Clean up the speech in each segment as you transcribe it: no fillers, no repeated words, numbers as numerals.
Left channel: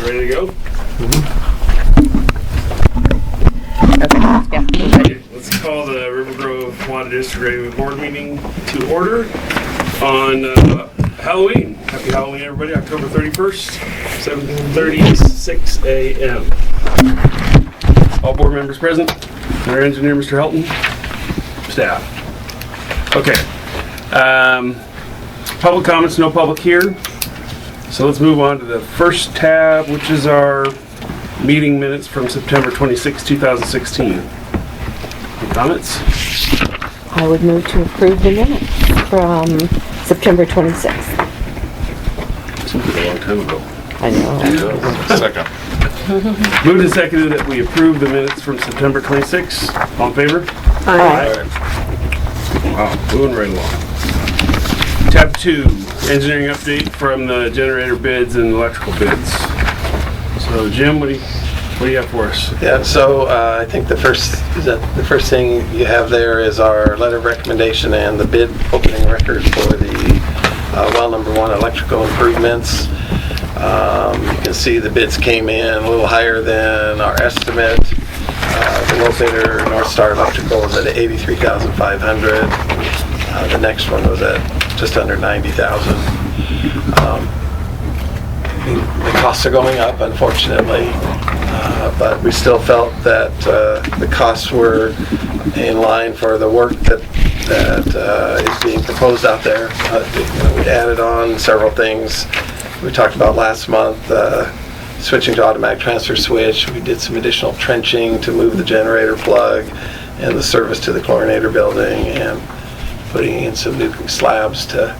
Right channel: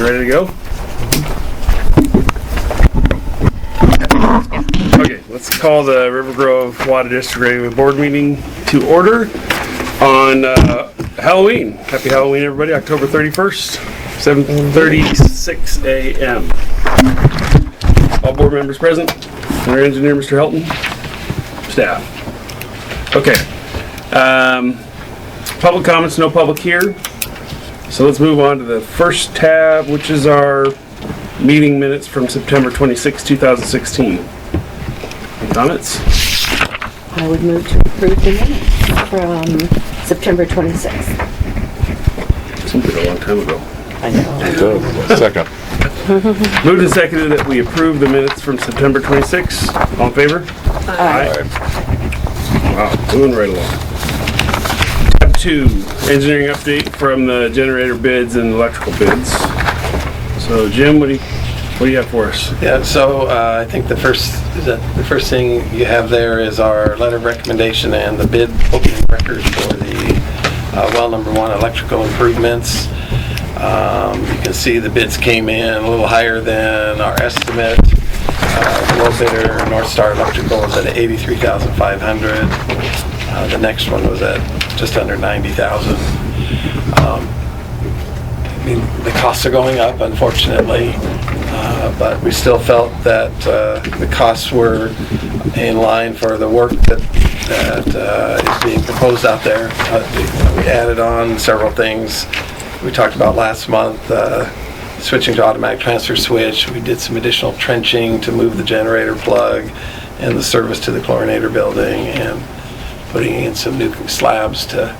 We ready to go? Okay, let's call the Rivergrove Water District Regular Board meeting to order on Halloween. Happy Halloween, everybody. October 31st, 7:36 a.m. All board members present. And our engineer, Mr. Helton. Staff. Okay. Public comments, no public here. So let's move on to the first tab, which is our meeting minutes from September 26, 2016. Any comments? I would move to approve the minutes from September 26th. Seems like a long time ago. I know. Second. Moved and seconded that we approve the minutes from September 26. All in favor? Aye. Wow, moving right along. Tab 2, engineering update from the generator bids and electrical bids. So Jim, what do you have for us? Yeah, so I think the first thing you have there is our letter of recommendation and the bid opening record for the well number 1 electrical improvements. You can see the bids came in a little higher than our estimate. The low bidder, North Star Electrical, was at $83,500. The next one was at just under $90,000. I mean, the costs are going up, unfortunately, but we still felt that the costs were in line for the work that is being proposed out there. We added on several things we talked about last month, switching to automatic transfer switch. We did some additional trenching to move the generator plug and the service to the chlorinator building, and putting in some new slabs to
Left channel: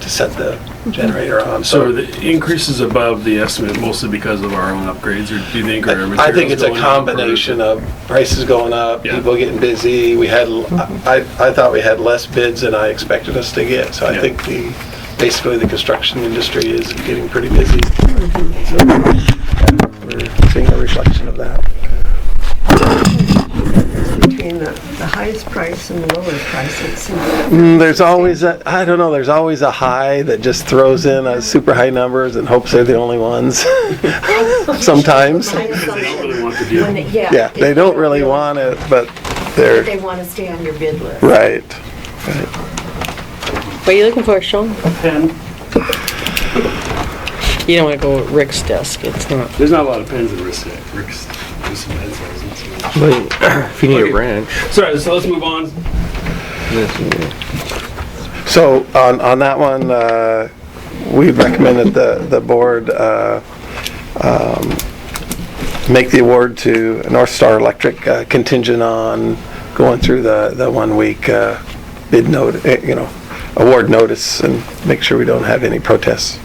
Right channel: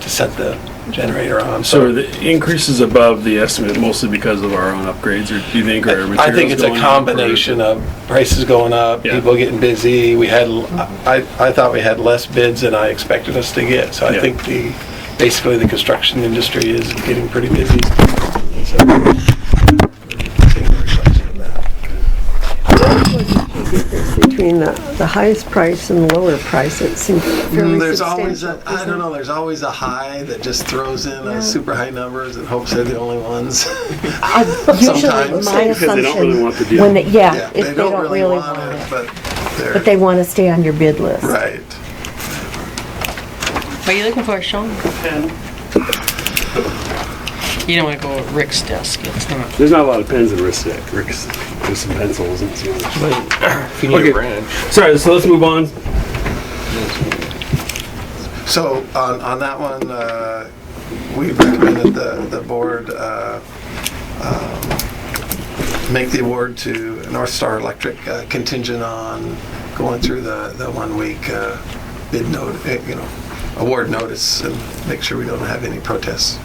set the generator on. So the increase is above the estimate mostly because of our own upgrades, or do you think our materials I think it's a going up, combination of prices going up, Yeah. people getting busy. We had, I thought we had less bids than I expected us to get. So I Yeah. think basically the construction industry is getting pretty busy. So we're seeing a reflection of that. Between the highest price and the lower price, it seems There's always there's always a high that just throws in super high numbers and hopes they're the only ones. Sometimes. Because they don't really want the deal. Yeah, they don't really want it, but they're... But they want to stay on your bid list. Right. What are you looking for, Sean? Pen. You don't want to go with Rick's desk. It's not. There's not a lot of pens in Rick's. There's some pencils and some. If you need Okay. a branch. Sorry, so let's move on. So on that one, we recommended the board make the award to North Star Electric contingent on going through the 1 week bid note, award notice, and make sure we don't have any protests.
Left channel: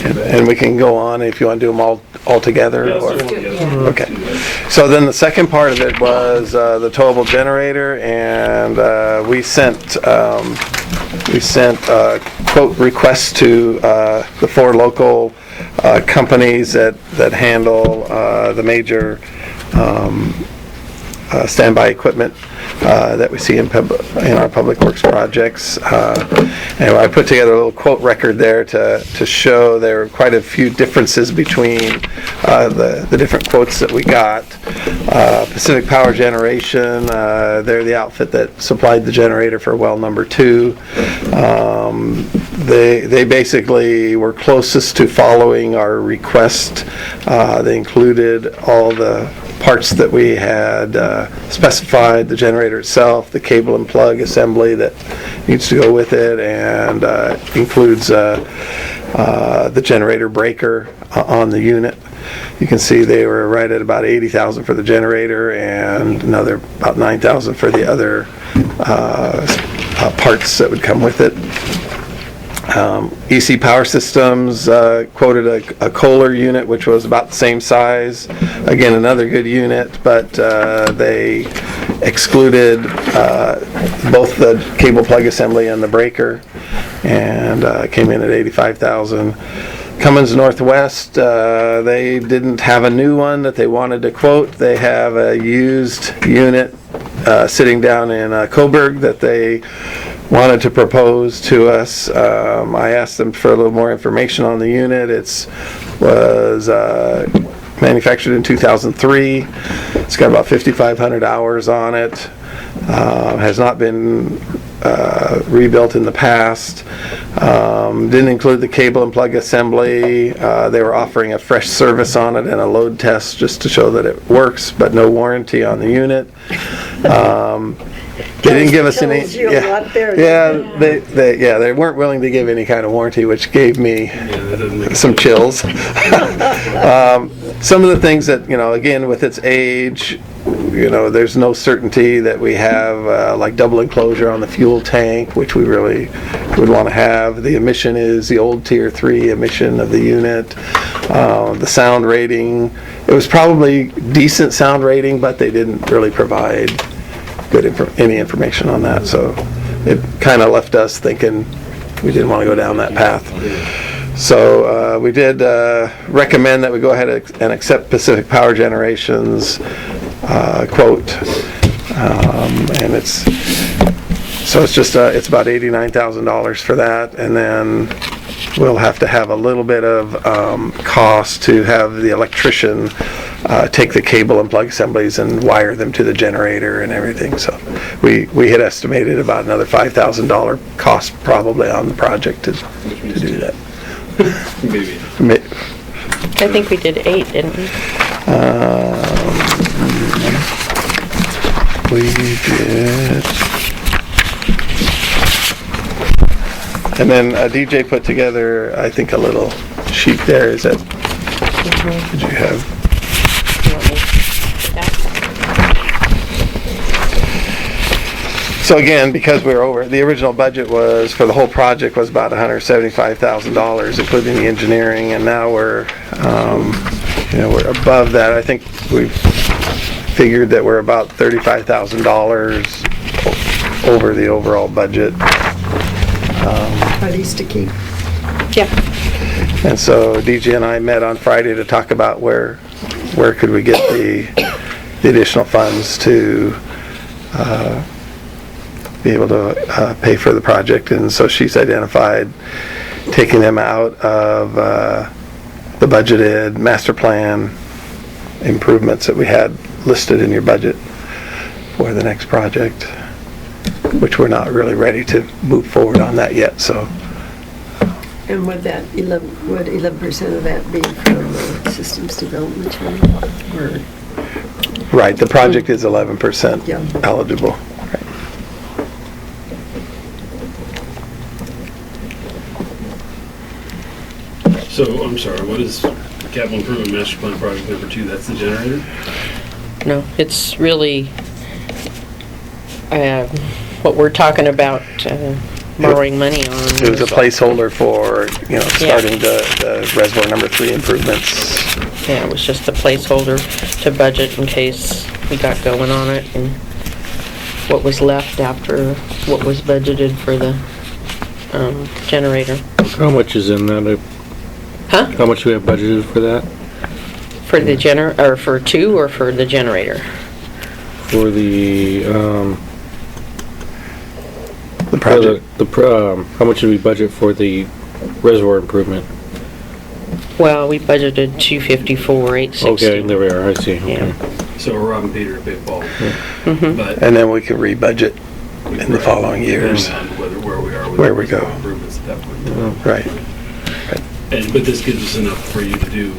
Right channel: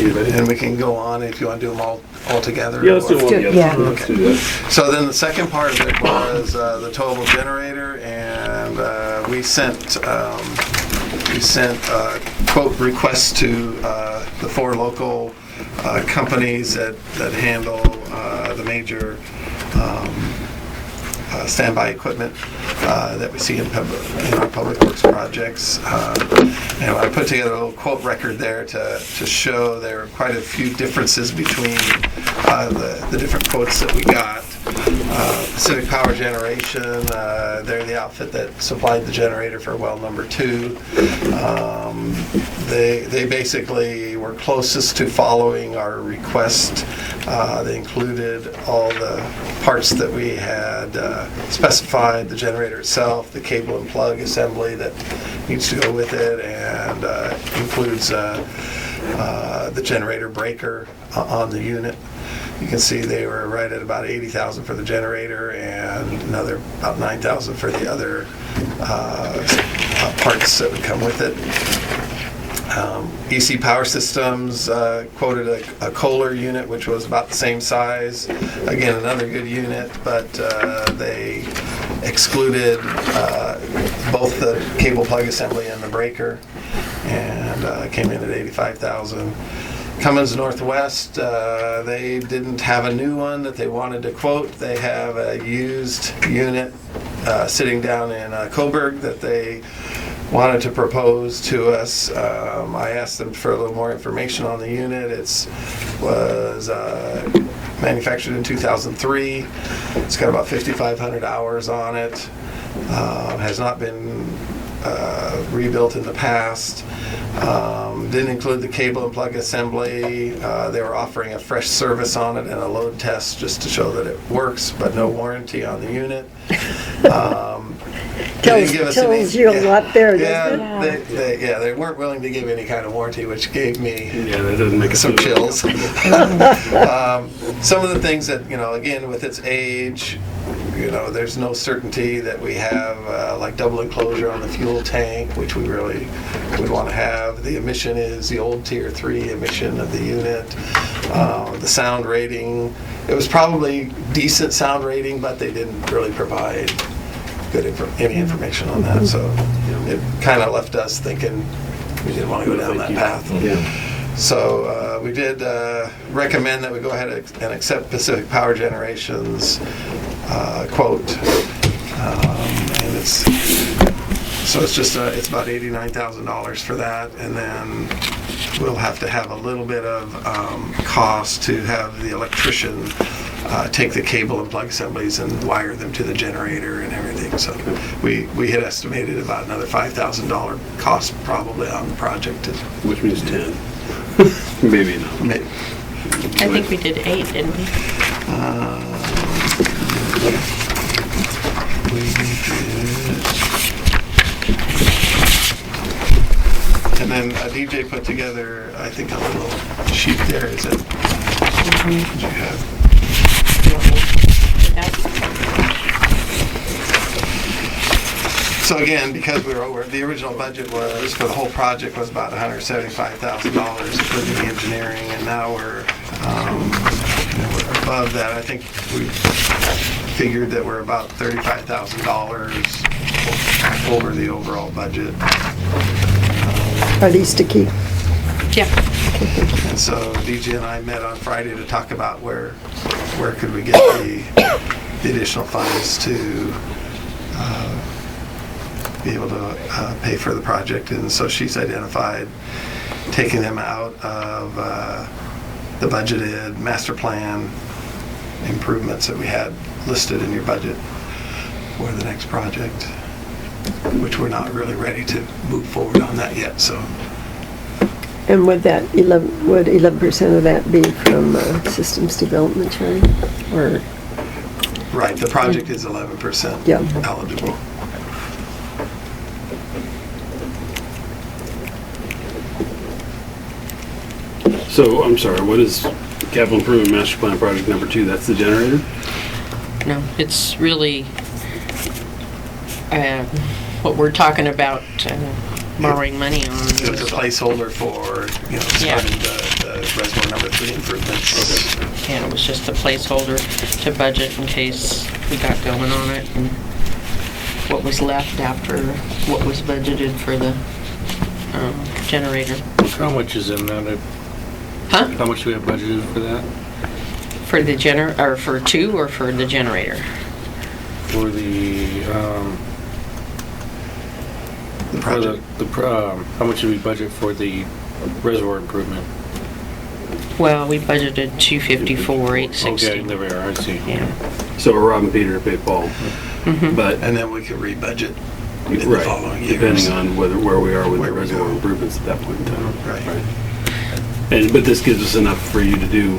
And we can go on if you want to do them all together. Yeah, let's do or- one together. Yeah. Let's Okay. do that. So then the second part of it was the towable generator, and we sent quote requests to the 4 local companies that handle the major standby equipment that we see in our public works projects. And I put together a little quote record there to show there are quite a few differences between the different quotes that we got. Pacific Power Generation, they're the outfit that supplied the generator for well number 2. They basically were closest to following our request. They included all the parts that we had specified, the generator itself, the cable and plug assembly that needs to go with it, and includes the generator breaker on the unit. You can see they were right at about $80,000 for the generator and another about $9,000 for the other parts that would come with it. EC Power Systems quoted a Kohler unit, which was about the same size. Again, another good unit, but they excluded both the cable plug assembly and the breaker, and came in at $85,000. Cummins Northwest, they didn't have a new one that they wanted to quote. They have a used unit sitting down in Coburg that they wanted to propose to us. I asked them for a little more information on the unit. Was manufactured in 2003. It's got about 5,500 hours on it. Has not been rebuilt in the past. Didn't include the cable and plug assembly. They were offering a fresh service on it and a load test just to show that it works, but no warranty on the unit. They didn't give us any. Tells you a lot there. Yeah, they weren't willing to give any kind of warranty, which gave me that doesn't make some chills. Some of the things that, again, with its age, there's no certainty that we have, like double enclosure on the fuel tank, which we really would want to have. The emission is the old Tier 3 emission of the unit. The sound rating, it was probably decent sound rating, but they didn't really provide any information on that. So it kind of left us thinking we didn't want to go down that path. So we did recommend that we go ahead and accept Pacific Power Generation's quote, and it's about $89,000 for that, and then we'll have to have a little bit of cost to have the electrician take the cable and plug assemblies and wire them to the generator and everything. So we had estimated about another $5,000 cost probably on the project to do that. Maybe. I think we did 8, didn't we? We did. And then DJ put together, I think, a little sheet there. Is that? Did you have? You want me to do that? So again, because we were over, the original budget was for the whole project was about $175,000, including the engineering, and now we're above that. I think we figured that we're about $35,000 over the overall budget. Are these to keep? Yeah. And so DJ and I met on Friday to talk about where could we get the additional funds to be able to pay for the project. And so she's identified taking them out of the budgeted master plan improvements that we had listed in your budget for the next project, which we're not really ready to move forward on that yet. So. And would 11% of that be from systems development, Charlie? Or Right, the project is 11% eligible. So, I'm sorry, what is capital improvement master plan project number 2? That's the generator? No, it's really what we're talking about borrowing money on. It was a placeholder for, starting the reservoir number 3 improvements. Yeah, it was just a placeholder to budget in case we got going on it, and what was left after what was budgeted for the generator. How much is in that? Huh? How much do we have budgeted for that? For the or for 2 or for the generator? For the project. How much did we budget for the reservoir improvement? Well, we budgeted $254,860. Okay, there we are. I see. Okay. Yeah. So we're robbing Peter to pay Paul. Mm-hmm. But And then we can rebudget in the following years. depending on where we are with Where the we go. reservoir improvements at that point in time. Right. But this gives us enough for you to do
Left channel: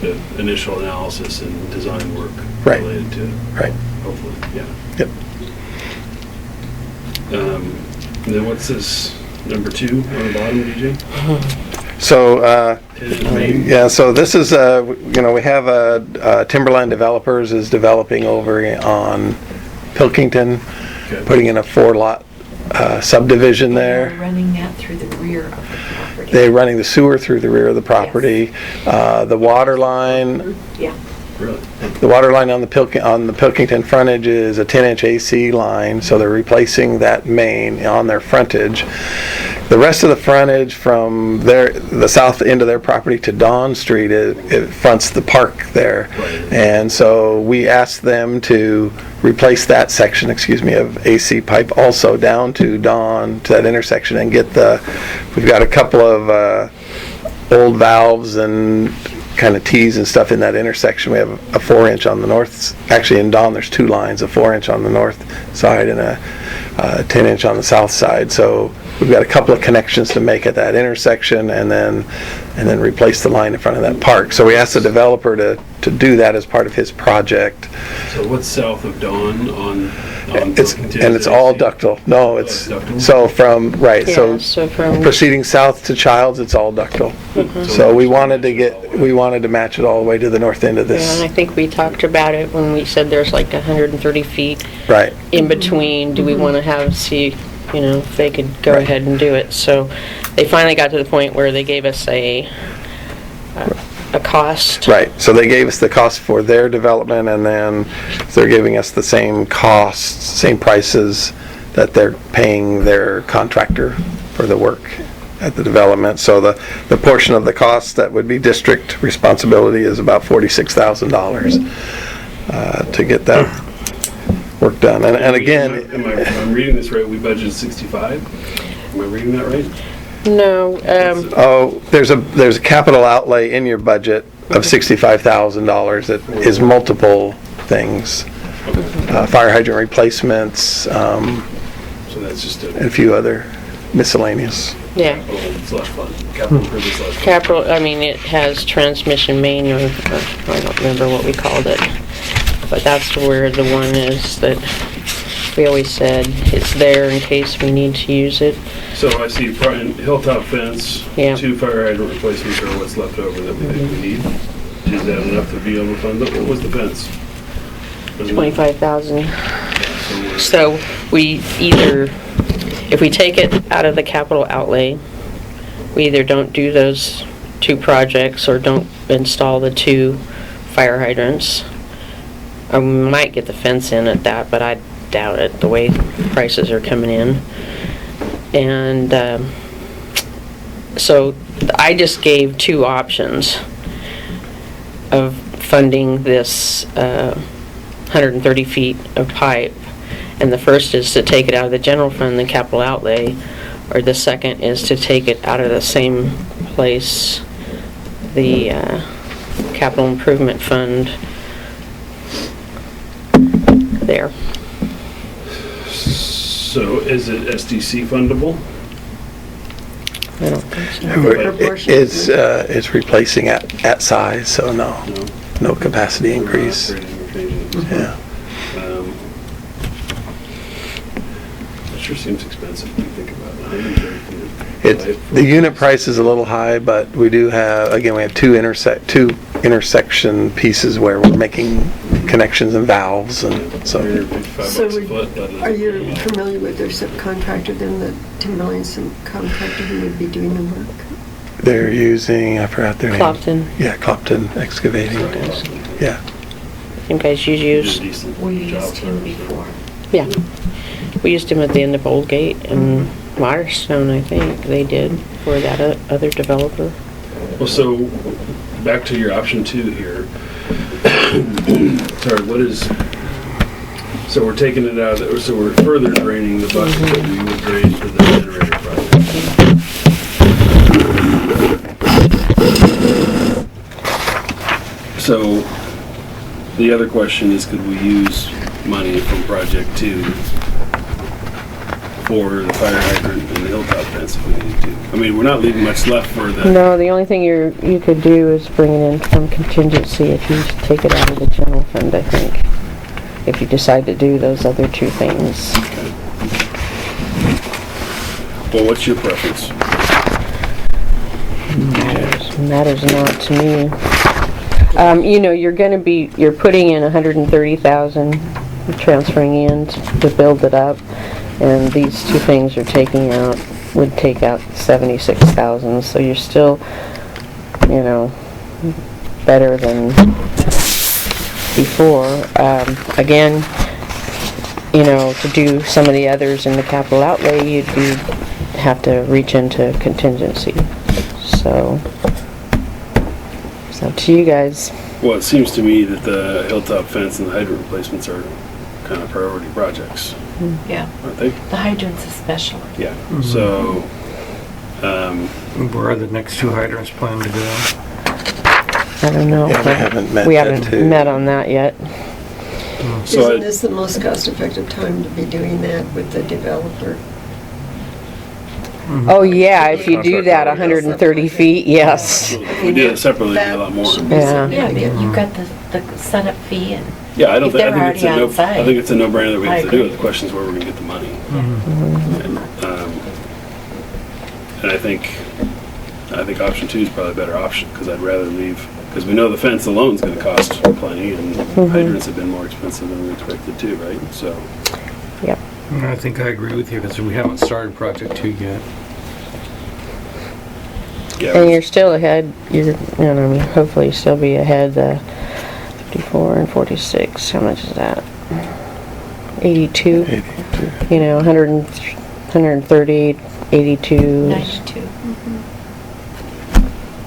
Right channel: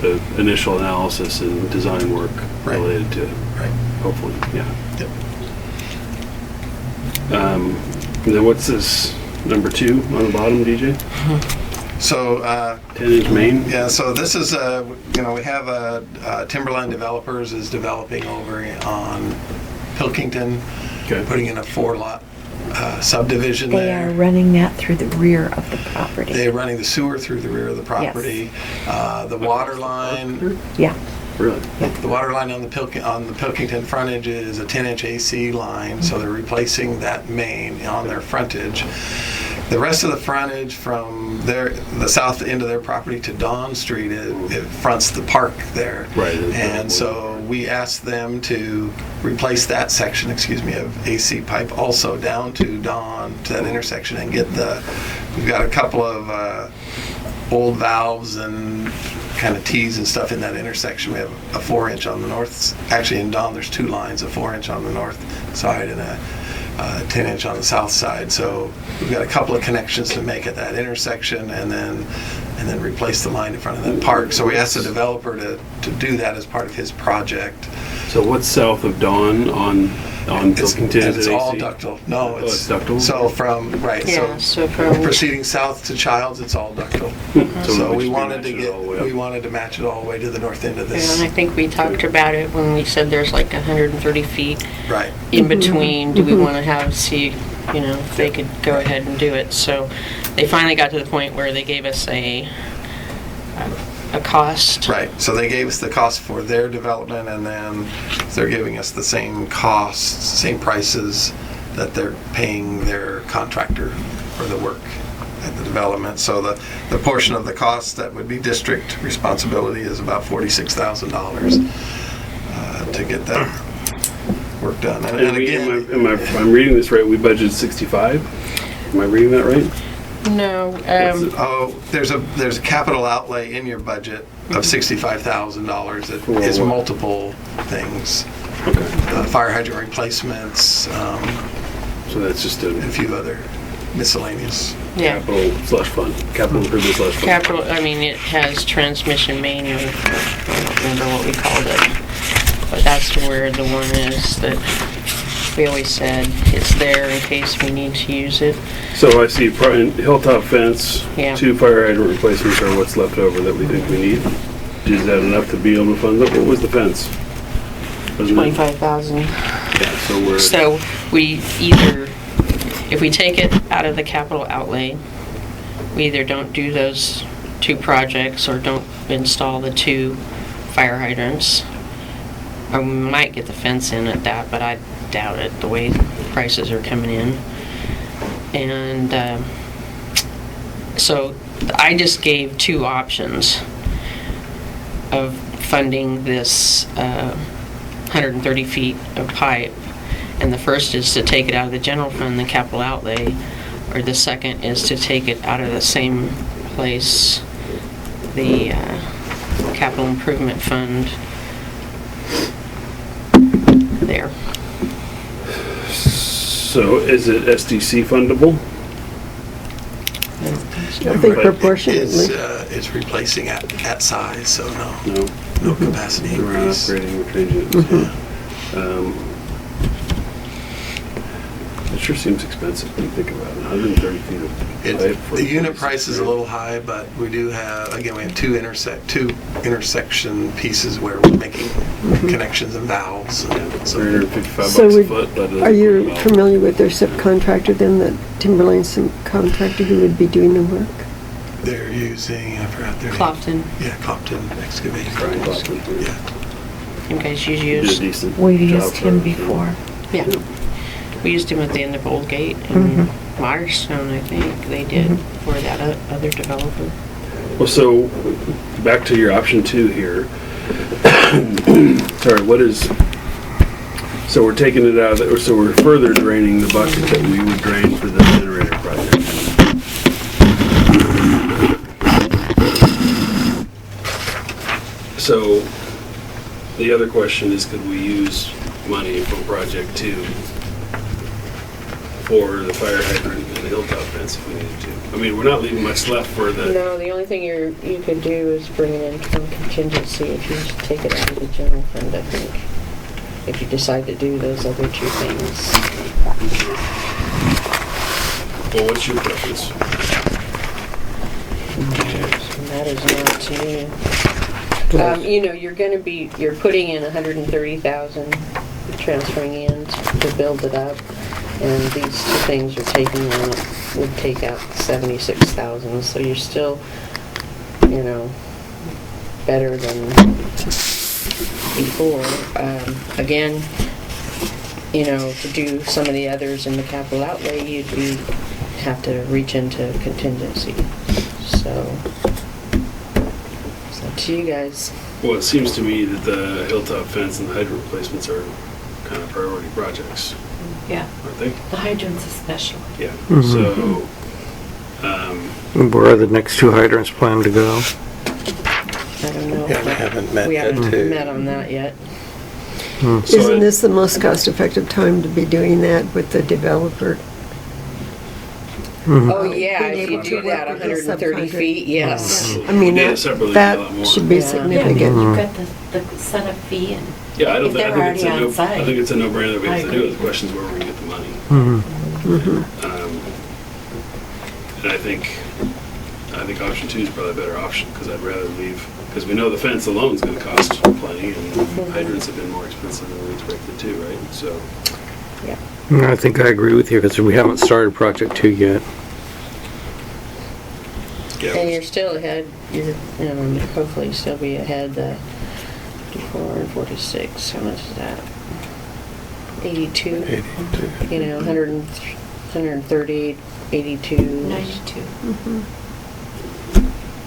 the initial analysis and design work Right. related to it. Right. Hopefully, yeah. Yep. And then what's this number 2 on the bottom, DJ? So, 10-inch main? yeah, so this is, we have Timberline Developers is developing over on Pilkington, Okay. putting in a 4-lot subdivision They're there. running that through the rear of the property. They're running the sewer through the rear of the property. The water line, Yeah. Really? the water line on the Pilkington frontage is a 10-inch AC line, so they're replacing that main on their frontage. The rest of the frontage from the south end of their property to Dawn Street, it fronts the park there. Right. And so we asked them to replace that section, of AC pipe also down to Dawn, to that intersection, and we've got a couple of old valves and kind of T's and stuff in that intersection. We have a 4-inch on the north, actually in Dawn there's 2 lines, a 4-inch on the north side and a 10-inch on the south side. So we've got a couple of connections to make at that intersection, and then replace the line in front of that park. So we asked the developer to do that as part of his project. So what's south of Dawn on It's all ductile. No, it's ductile? so from Yeah, so from- proceeding south to Childs, it's all ductile. So we wanted to match it all the way to the north end of Yeah, and I this. think we talked about it when we said there's like 130 feet Right. in between. Do we want to see, if they could go ahead and do it? So they finally got to the point where they gave us a cost. Right. So they gave us the cost for their development, and then they're giving us the same costs, same prices that they're paying their contractor for the work at the development. So the portion of the cost that would be district responsibility is about $46,000 to get that work done. And again, I'm reading this right, we budgeted 65? Am I reading that right? No, there's a capital outlay in your budget of $65,000 that is multiple things. Fire hydrant replacements, So that's just and a a few other miscellaneous. yeah. capital slush fund, capital improvement slush fund. Capital, it has transmission main, or I don't remember what we called it. But that's where the one is that we always said it's there in case we need to use it. So I see hilltop fence, Yeah. 2 fire hydrant replacements are what's left over that we think we need. Is that enough to be able to fund it? What was the fence? Wasn't it- 25,000. So we're, So we either, if we take it out of the capital outlay, we either don't do those 2 projects or don't install the 2 fire hydrants. Or we might get the fence in at that, but I doubt it, the way prices are coming in. And so I just gave 2 options of funding this 130 feet of pipe. And the first is to take it out of the general fund, the capital outlay, or the second is to take it out of the same place, the capital improvement fund there. so is it SDC fundable? I don't think so. I think proportionately. It's replacing at size, so no No. capacity We're not increase. upgrading, we're changing it. Yeah. It sure seems expensive when you think about it, 130 feet of pipe for- The unit price is a little high, but we do have, again, we have two intersection pieces where we're making connections and valves, and so 155 So bucks a would- foot. But Are you familiar with their subcontractor then, that Timberlane subcontractor who would be doing the work? they're using, I forgot their name. Clopton, Yeah, Clopton Excavating. Yeah. you guys Did a used, decent We've job used him for us. before. yeah. We used him at the end of Old Gate and Waterstone, I think, they did for that other developer. Well, so, back to your option 2 here. Sorry, what is, so we're taking it out, so we're further draining the bucket that we would drain for the generator project. So, the other question is, could we use money from project 2 for the fire hydrant and the hilltop fence if we needed to? I mean, we're not leaving much left for the. No, the only thing you could do is bring it in from contingency if you take it out of the general fund, I think. If you decide to do those other 2 things. Well, what's your preference? Matters not to me. You're putting in 130,000, transferring in to build it up, and these 2 things you're taking out would take out 76,000, so you're still, better than before. Again, to do some of the others in the capital outlay, you'd be have to reach into contingency. So, it's up to you guys. Well, it seems to me that the hilltop fence and the hydrant replacements are kind of priority projects, Yeah, aren't they? the hydrants especially. Yeah. So, Where are the next two hydrants planned to go? I don't know. Yeah, we haven't met We yet, haven't too. met on that yet. So Isn't this the most cost-effective time to be doing that with the developer? Oh, yeah, if you do that 130 feet, yes. I we mean, did it separately, it'd be a lot that more. should be Yeah. Yeah, I mean, significant. you've got the setup fee and, Yeah, I don't If think, they're I think it's a already no, on site. I think it's a no-brainer that we I have to do agree. it. The question is where we're gonna get the money. And I think option 2 is probably a better option, because I'd rather leave, because we know the fence alone is gonna cost plenty, and hydrants have been more expensive than we expected too, right? So, Yep. I think I agree with you, because we haven't started project 2 yet. And yeah, you're still ahead, hopefully you'll still be ahead, the 54 and 46, how much is that? 82, 82. 130, 82, 92,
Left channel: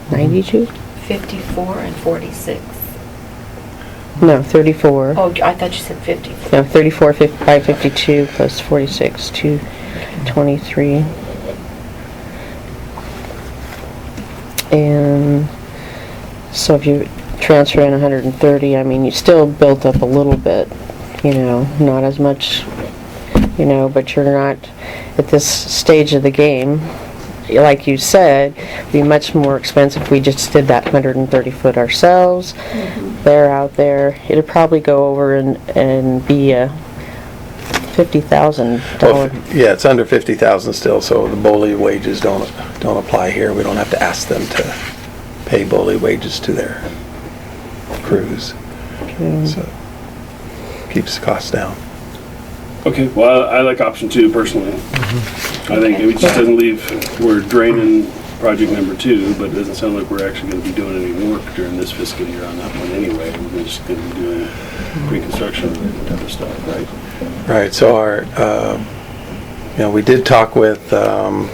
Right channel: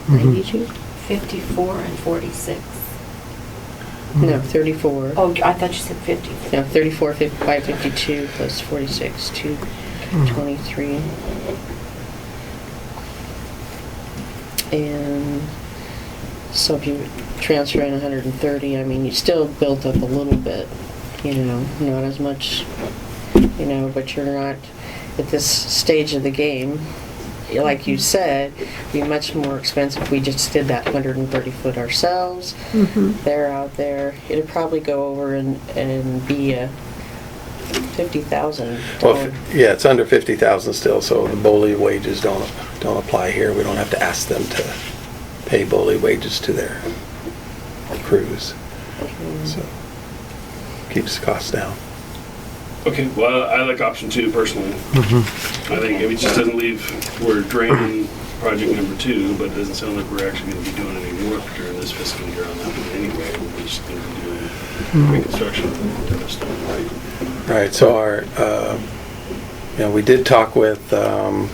92? 54 and 46. No, 34. Oh, I thought you said 50. No, 34, 552 plus 46, 223. And so if you transfer in 130, I mean, you still built up a little bit, not as much, but you're not at this stage of the game. Like you said, it'd be much more expensive if we just did that 130 foot ourselves. They're out there. It'd probably go over and be a $50,000. Well, yeah, it's under 50,000 still, so the BOLI wages don't apply here. We don't have to ask them to pay BOLI wages to their crews. So, keeps the costs down. okay, well, I like option 2 personally. I think it just doesn't leave, we're draining project number 2, but it doesn't sound like we're actually gonna be doing any work during this fiscal year on that one anyway. We're just gonna be doing reconstruction and other stuff, right? Right, so we did talk with the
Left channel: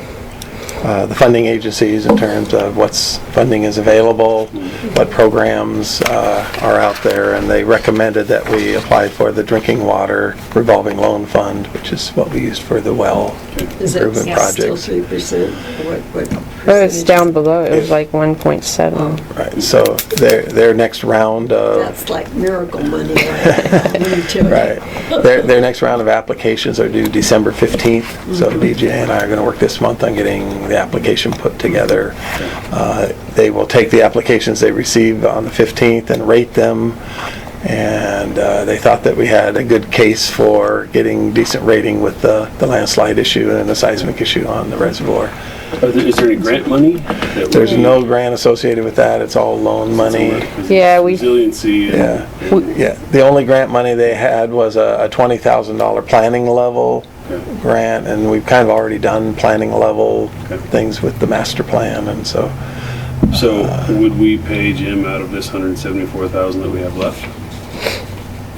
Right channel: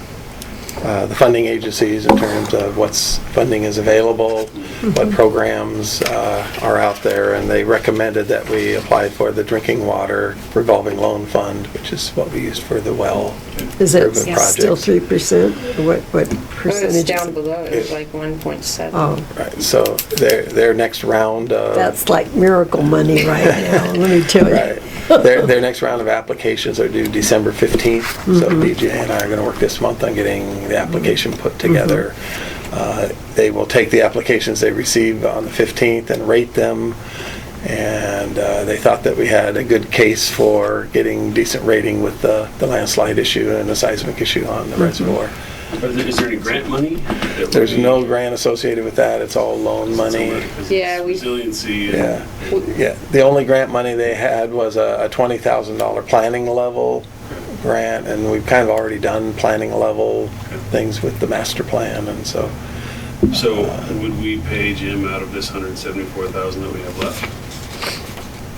funding agencies in terms of what's funding is available, what programs are out there, and they recommended that we apply for the drinking water revolving loan fund, which is what we used for the well Is it improvement still project. 3%? What It's percentage? down below, it was like 1.7. Oh, Right, so their next round of that's like miracle money right now, let me tell you. right. Their next round of applications are due December 15th, so DJ and I are going to work this month on getting the application put together. They will take the applications they receive on the 15th and rate them, and they thought that we had a good case for getting decent rating with the landslide issue and the seismic issue on the reservoir. Is there any grant money? There's no grant associated with that, it's all loan money. Yeah, we- Resiliency. Yeah, yeah. The only grant money they had was a $20,000 planning level grant, and we've kind of already done planning level things with the master plan, and so. So would we pay Jim out of this 174,000 that we have left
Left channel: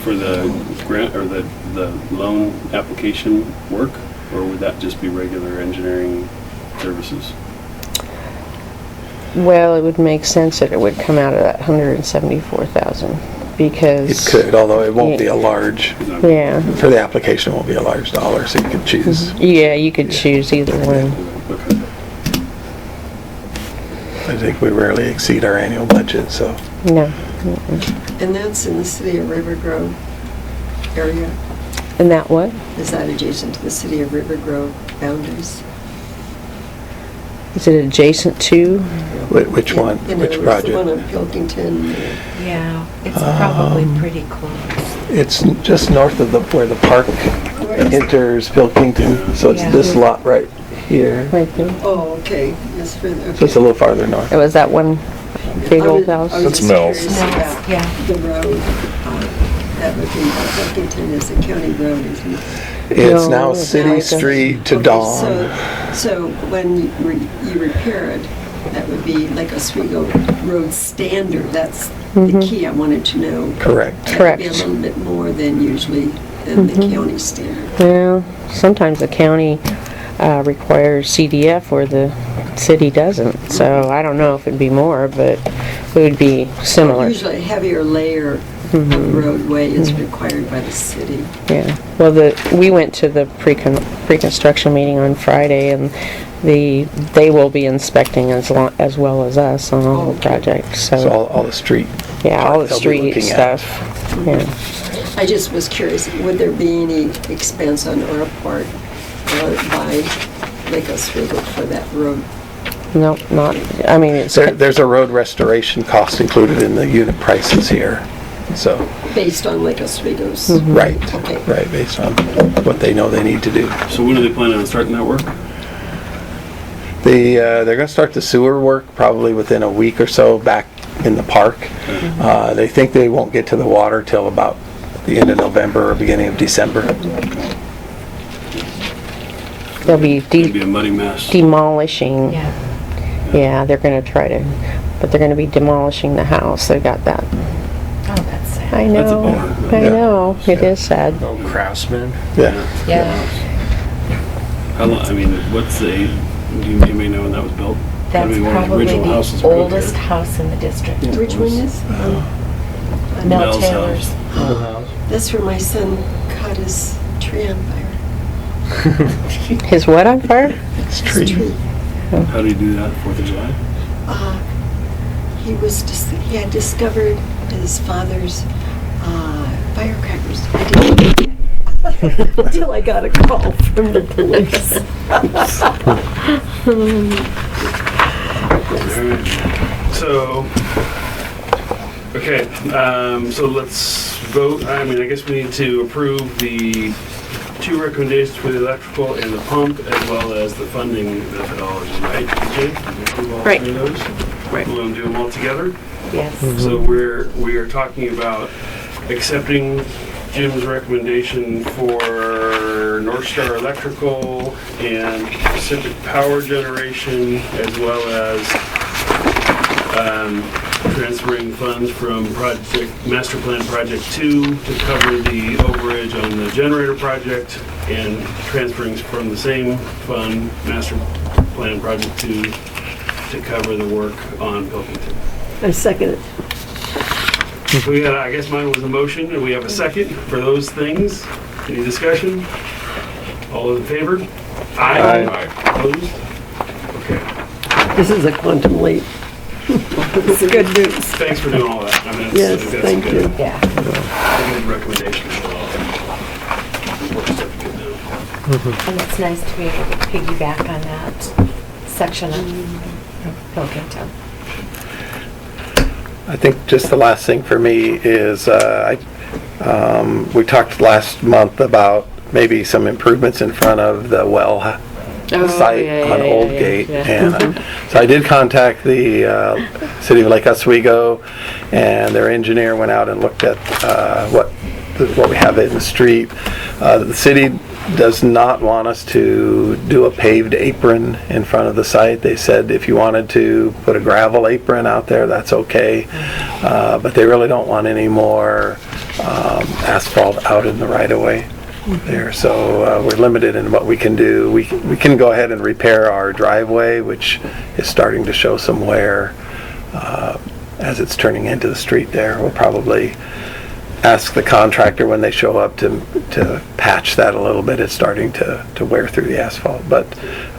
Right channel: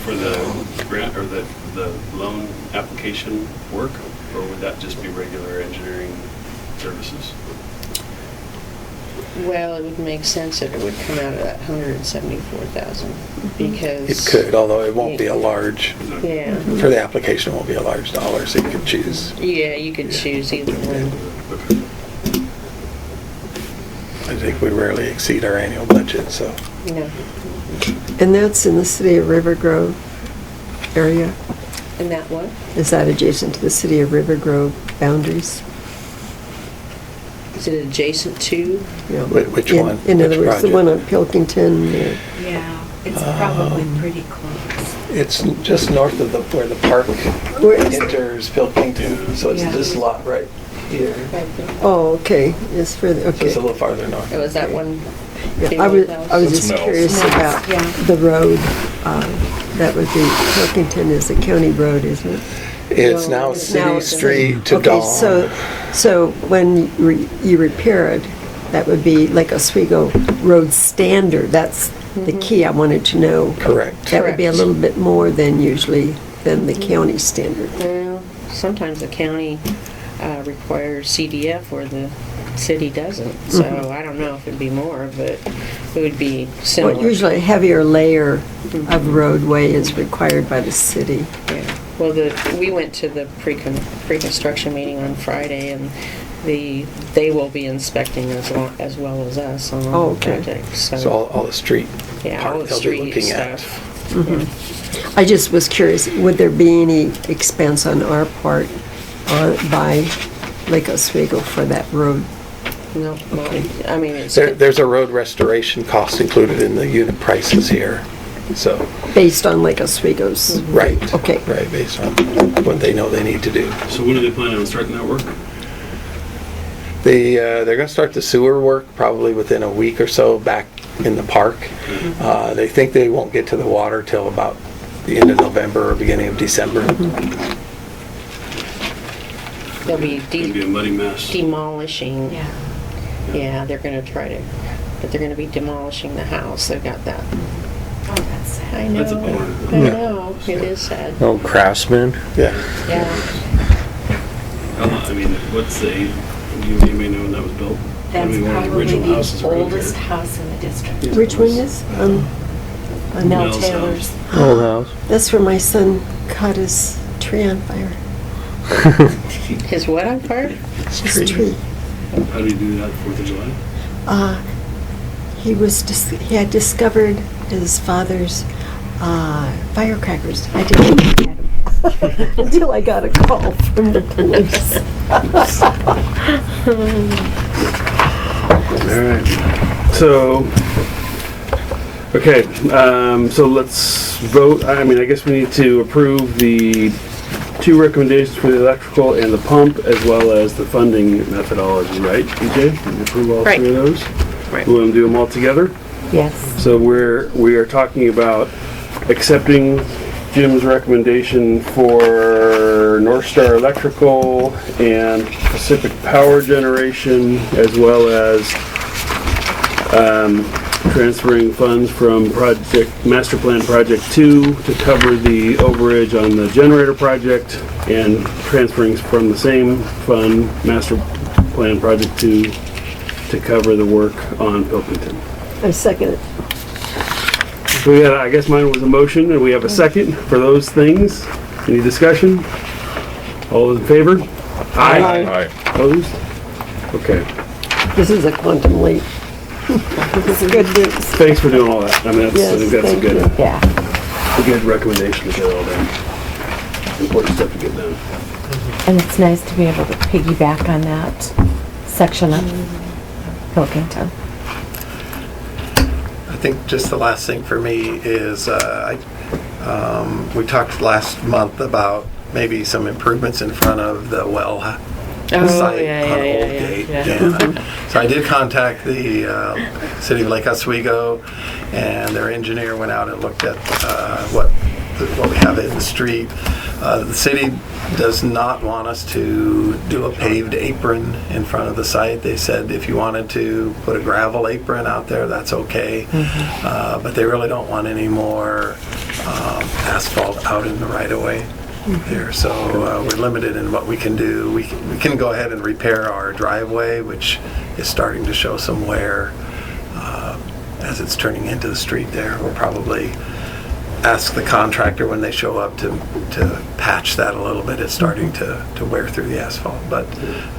for the grant or the loan application work, or would that just be regular engineering services? Well, it would make sense that it would come out of that 174,000 because. It could, although it won't be a large, Yeah, for the application, it won't be a large dollar, so you could choose. yeah, you could choose either one. Okay. I think we rarely exceed our annual budget, so. No. And that's in the city of Rivergrove area? And that what? Is that adjacent to the city of Rivergrove boundaries? Is it adjacent to? You know, Which one? In Which other words, the one project? on Pilkington, Yeah, it's probably pretty close. It's just north of where the park where is it? enters Pilkington, so it's Yeah. this lot right here. Right there. Oh, okay, it's further, So it's a okay. little farther north. It was that one big I old was house. just curious about Yeah. the road, that would be, Pilkington is a county road, isn't it? It's No, now it's City not. Street to Okay, Dawn. So when you repair it, that would be like Oswego Road standard, that's the key I wanted to know. Correct. That would be a Correct. little bit more than usually than the county standard. Well, sometimes the county requires CDF where the city doesn't. So I don't know if it'd be more, but it would be Well, similar. usually a heavier layer of roadway is required by the city. Yeah. Well, we went to the pre-construction meeting on Friday, and they will be inspecting as well as us on all the Okay. projects. So all the street Yeah, all part the they'll be street looking at. stuff. Yeah. I just was curious, would there be any expense on our part by Lake Oswego for that road? No, not, I mean, it's, There's a road restoration cost included in the unit prices here. So, Based on Lake Oswego's? right. Okay. Right, based on what they know they need to do. So when are they planning on starting that work? They're going to start the sewer work probably within a week or so back in the park. They think they won't get to the water till about the end of November or beginning of December. they'll be It'd be a muddy mess. demolishing. Yeah. Yeah, they're gonna try to, but they're gonna be demolishing the house. They've got that. Oh, that's sad. I That's a know, bummer. I Yeah. know, it is sad. No craftsman. Yeah. Yeah. How long, I mean, what's the age? You may know when that was built. That's I mean, one of probably original houses the around oldest here. house in the district. Which one is? Mel Mel's Taylor's. Old house. That's where my son caught his tree on fire. His what on fire? It's His tree. tree. How do you do that, 4th of July? He had discovered his father's firecrackers. I didn't look at him until I got a call from the police. Alright. So, okay, so let's vote. I mean, I guess we need to approve the 2 recommendations for the electrical and the pump, as well as the funding methodology, right, DJ? Did you approve all Right. 3 of those? Right. We want to do them all together? Yes. So we are talking about accepting Jim's recommendation for North Star Electrical and Pacific Power Generation, as well as transferring funds from Master Plan Project 2 to cover the overage on the generator project, and transferring from the same fund, Master Plan Project 2, to cover the work on Pilkington. I second it. So we had, I guess mine was a motion, and we have a second for those things. Any discussion? All in favor? Aye. Opposed? Okay. This is a quantum leap. This is good news. Thanks for doing all that. I mean, I Yes, think that's thank a you. Yeah. good recommendation for all that. Important stuff to get done. And it's nice to be able to piggyback on that section of Pilkington. I think just the last thing for me is, we talked last month about maybe some improvements in front of the well site on Old Gate. yeah. And so I did contact the city of Lake Oswego, and their engineer went out and looked at what we have in the street. The city does not want us to do a paved apron in front of the site. They said if you wanted to put a gravel apron out there, that's okay. But they really don't want any more asphalt out in the right-of-way there. So we're limited in what we can do. We can go ahead and repair our driveway, which is starting to show some wear as it's turning into the street there. We'll probably ask the contractor when they show up to patch that a little bit. It's starting to wear through the asphalt. But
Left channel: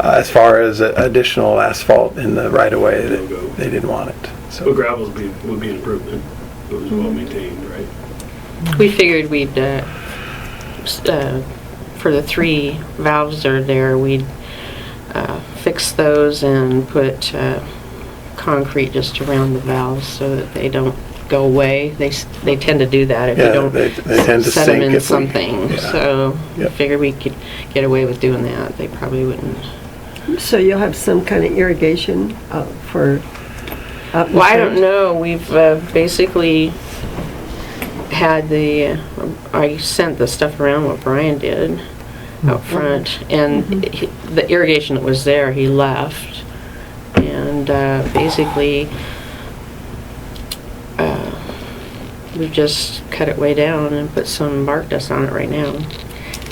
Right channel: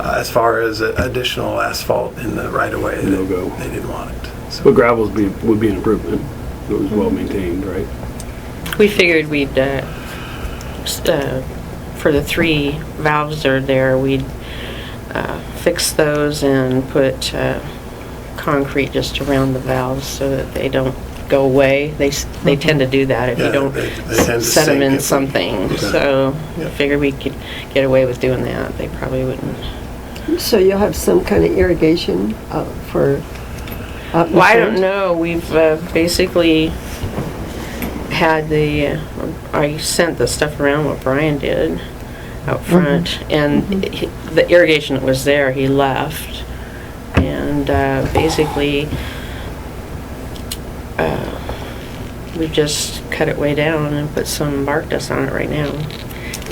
as far as additional asphalt in the right-of-way, they didn't want it. But So gravel would be an improvement. It was well maintained, right? We figured we'd, for the 3 valves that are there, we'd fix those and put concrete just around the valves so that they don't go away. They tend to do that if Yeah, you don't they tend to set them sink in if we- something. yeah. So we Yep. figured we could get away with doing that. They probably wouldn't. So you'll have some kind of irrigation for out in Well, I don't front? know. We've basically had I sent the stuff around what Brian did out front, and the irrigation that was there, he left. And basically, we've just cut it way down and put some bark dust on it right now.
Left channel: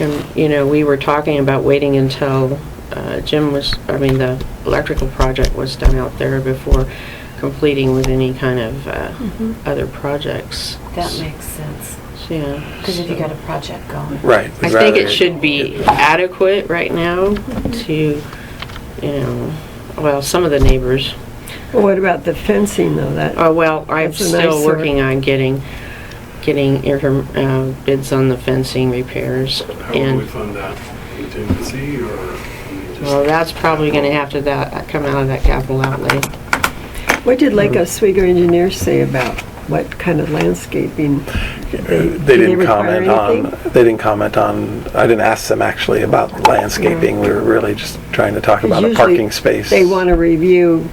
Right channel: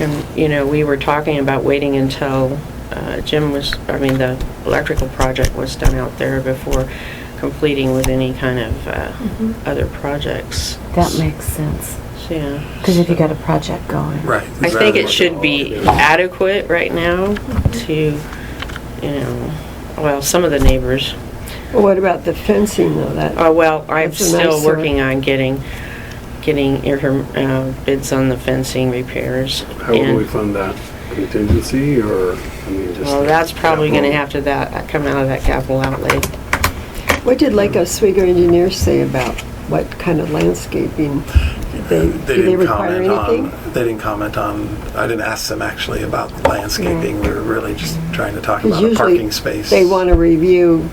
And, we were talking about waiting until the electrical project was done out there before completing with any kind of other projects. That makes sense. So, yeah. Because if you got a project going. Right. I think it should be adequate right now to, some of the neighbors. Well, what about the fencing though? I'm That's a still nice, working on getting bids on the fencing repairs. How will we fund that? Contingency or? Well, that's probably gonna have to come out of that capital outlay. What did Lake Oswego engineers say about what kind of landscaping? They do they didn't require anything? They didn't comment on, I didn't ask them actually about landscaping. We were really just trying to talk about a parking space. They want to review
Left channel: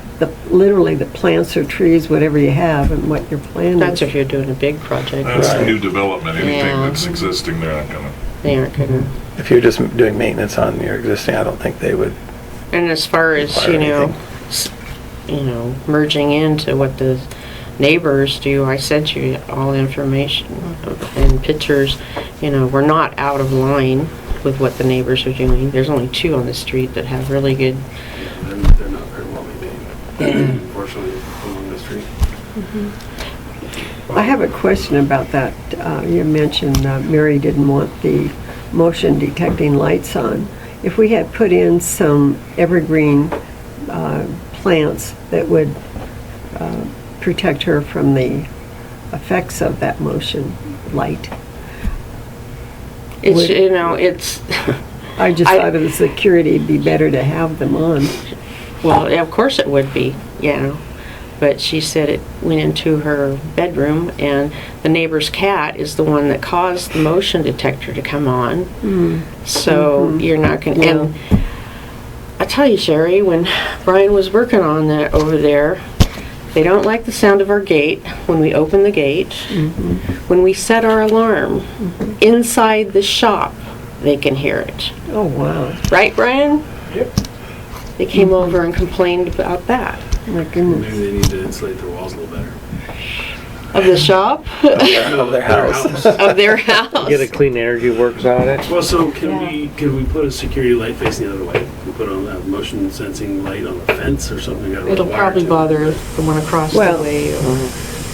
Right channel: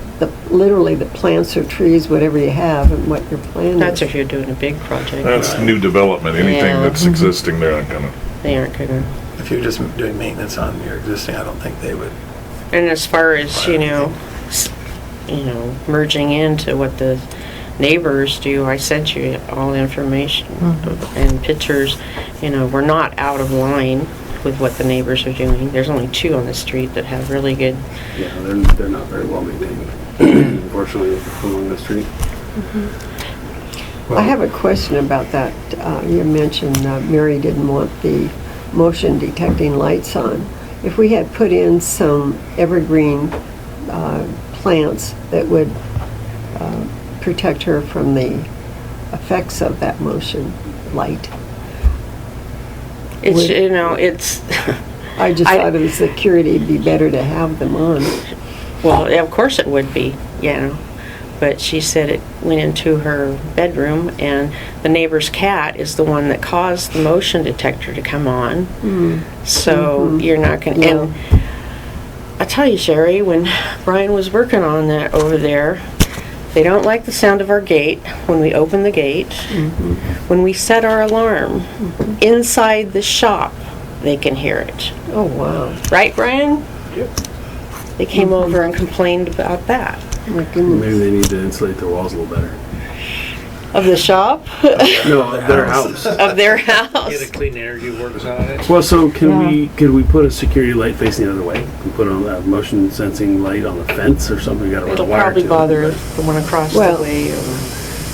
literally the plants or trees, whatever you have, and what your plan That's is. if you're doing a big project. That's new development. Anything Yeah. that's existing, they're not gonna. They aren't gonna. If you're just doing maintenance on your existing, I don't think they would. And as far as, merging into what the neighbors do, I sent you all information and pictures. We're not out of line with what the neighbors are doing. There's only 2 on the street that have really good. Yeah, they're not very well maintained, unfortunately, along the street. I have a question about that. You mentioned Mary didn't want the motion detecting lights on. If we had put in some evergreen plants that would protect her from the effects of that motion light. It's, Would- it's, I just thought of the security, it'd be better to have them on. well, of course it would be, but she said it went into her bedroom and the neighbor's cat is the one that caused the motion detector to come on. So you're not gonna, and I tell you, Sherry, when Brian was working on that over there, they don't like the sound of our gate when we open the gate. When we set our alarm inside the shop, they can hear it. Oh, wow. Right, Brian? Yep. They came over and complained about that. My goodness. Maybe they need to insulate their walls a little better. Of the shop? No, their house. Of their house? Get a clean energy works on it. Well, so could we put a security light facing the other way? Can we put on a motion sensing light on the fence or something? We gotta run a It'll wire probably to it. bother the one across the Well, way.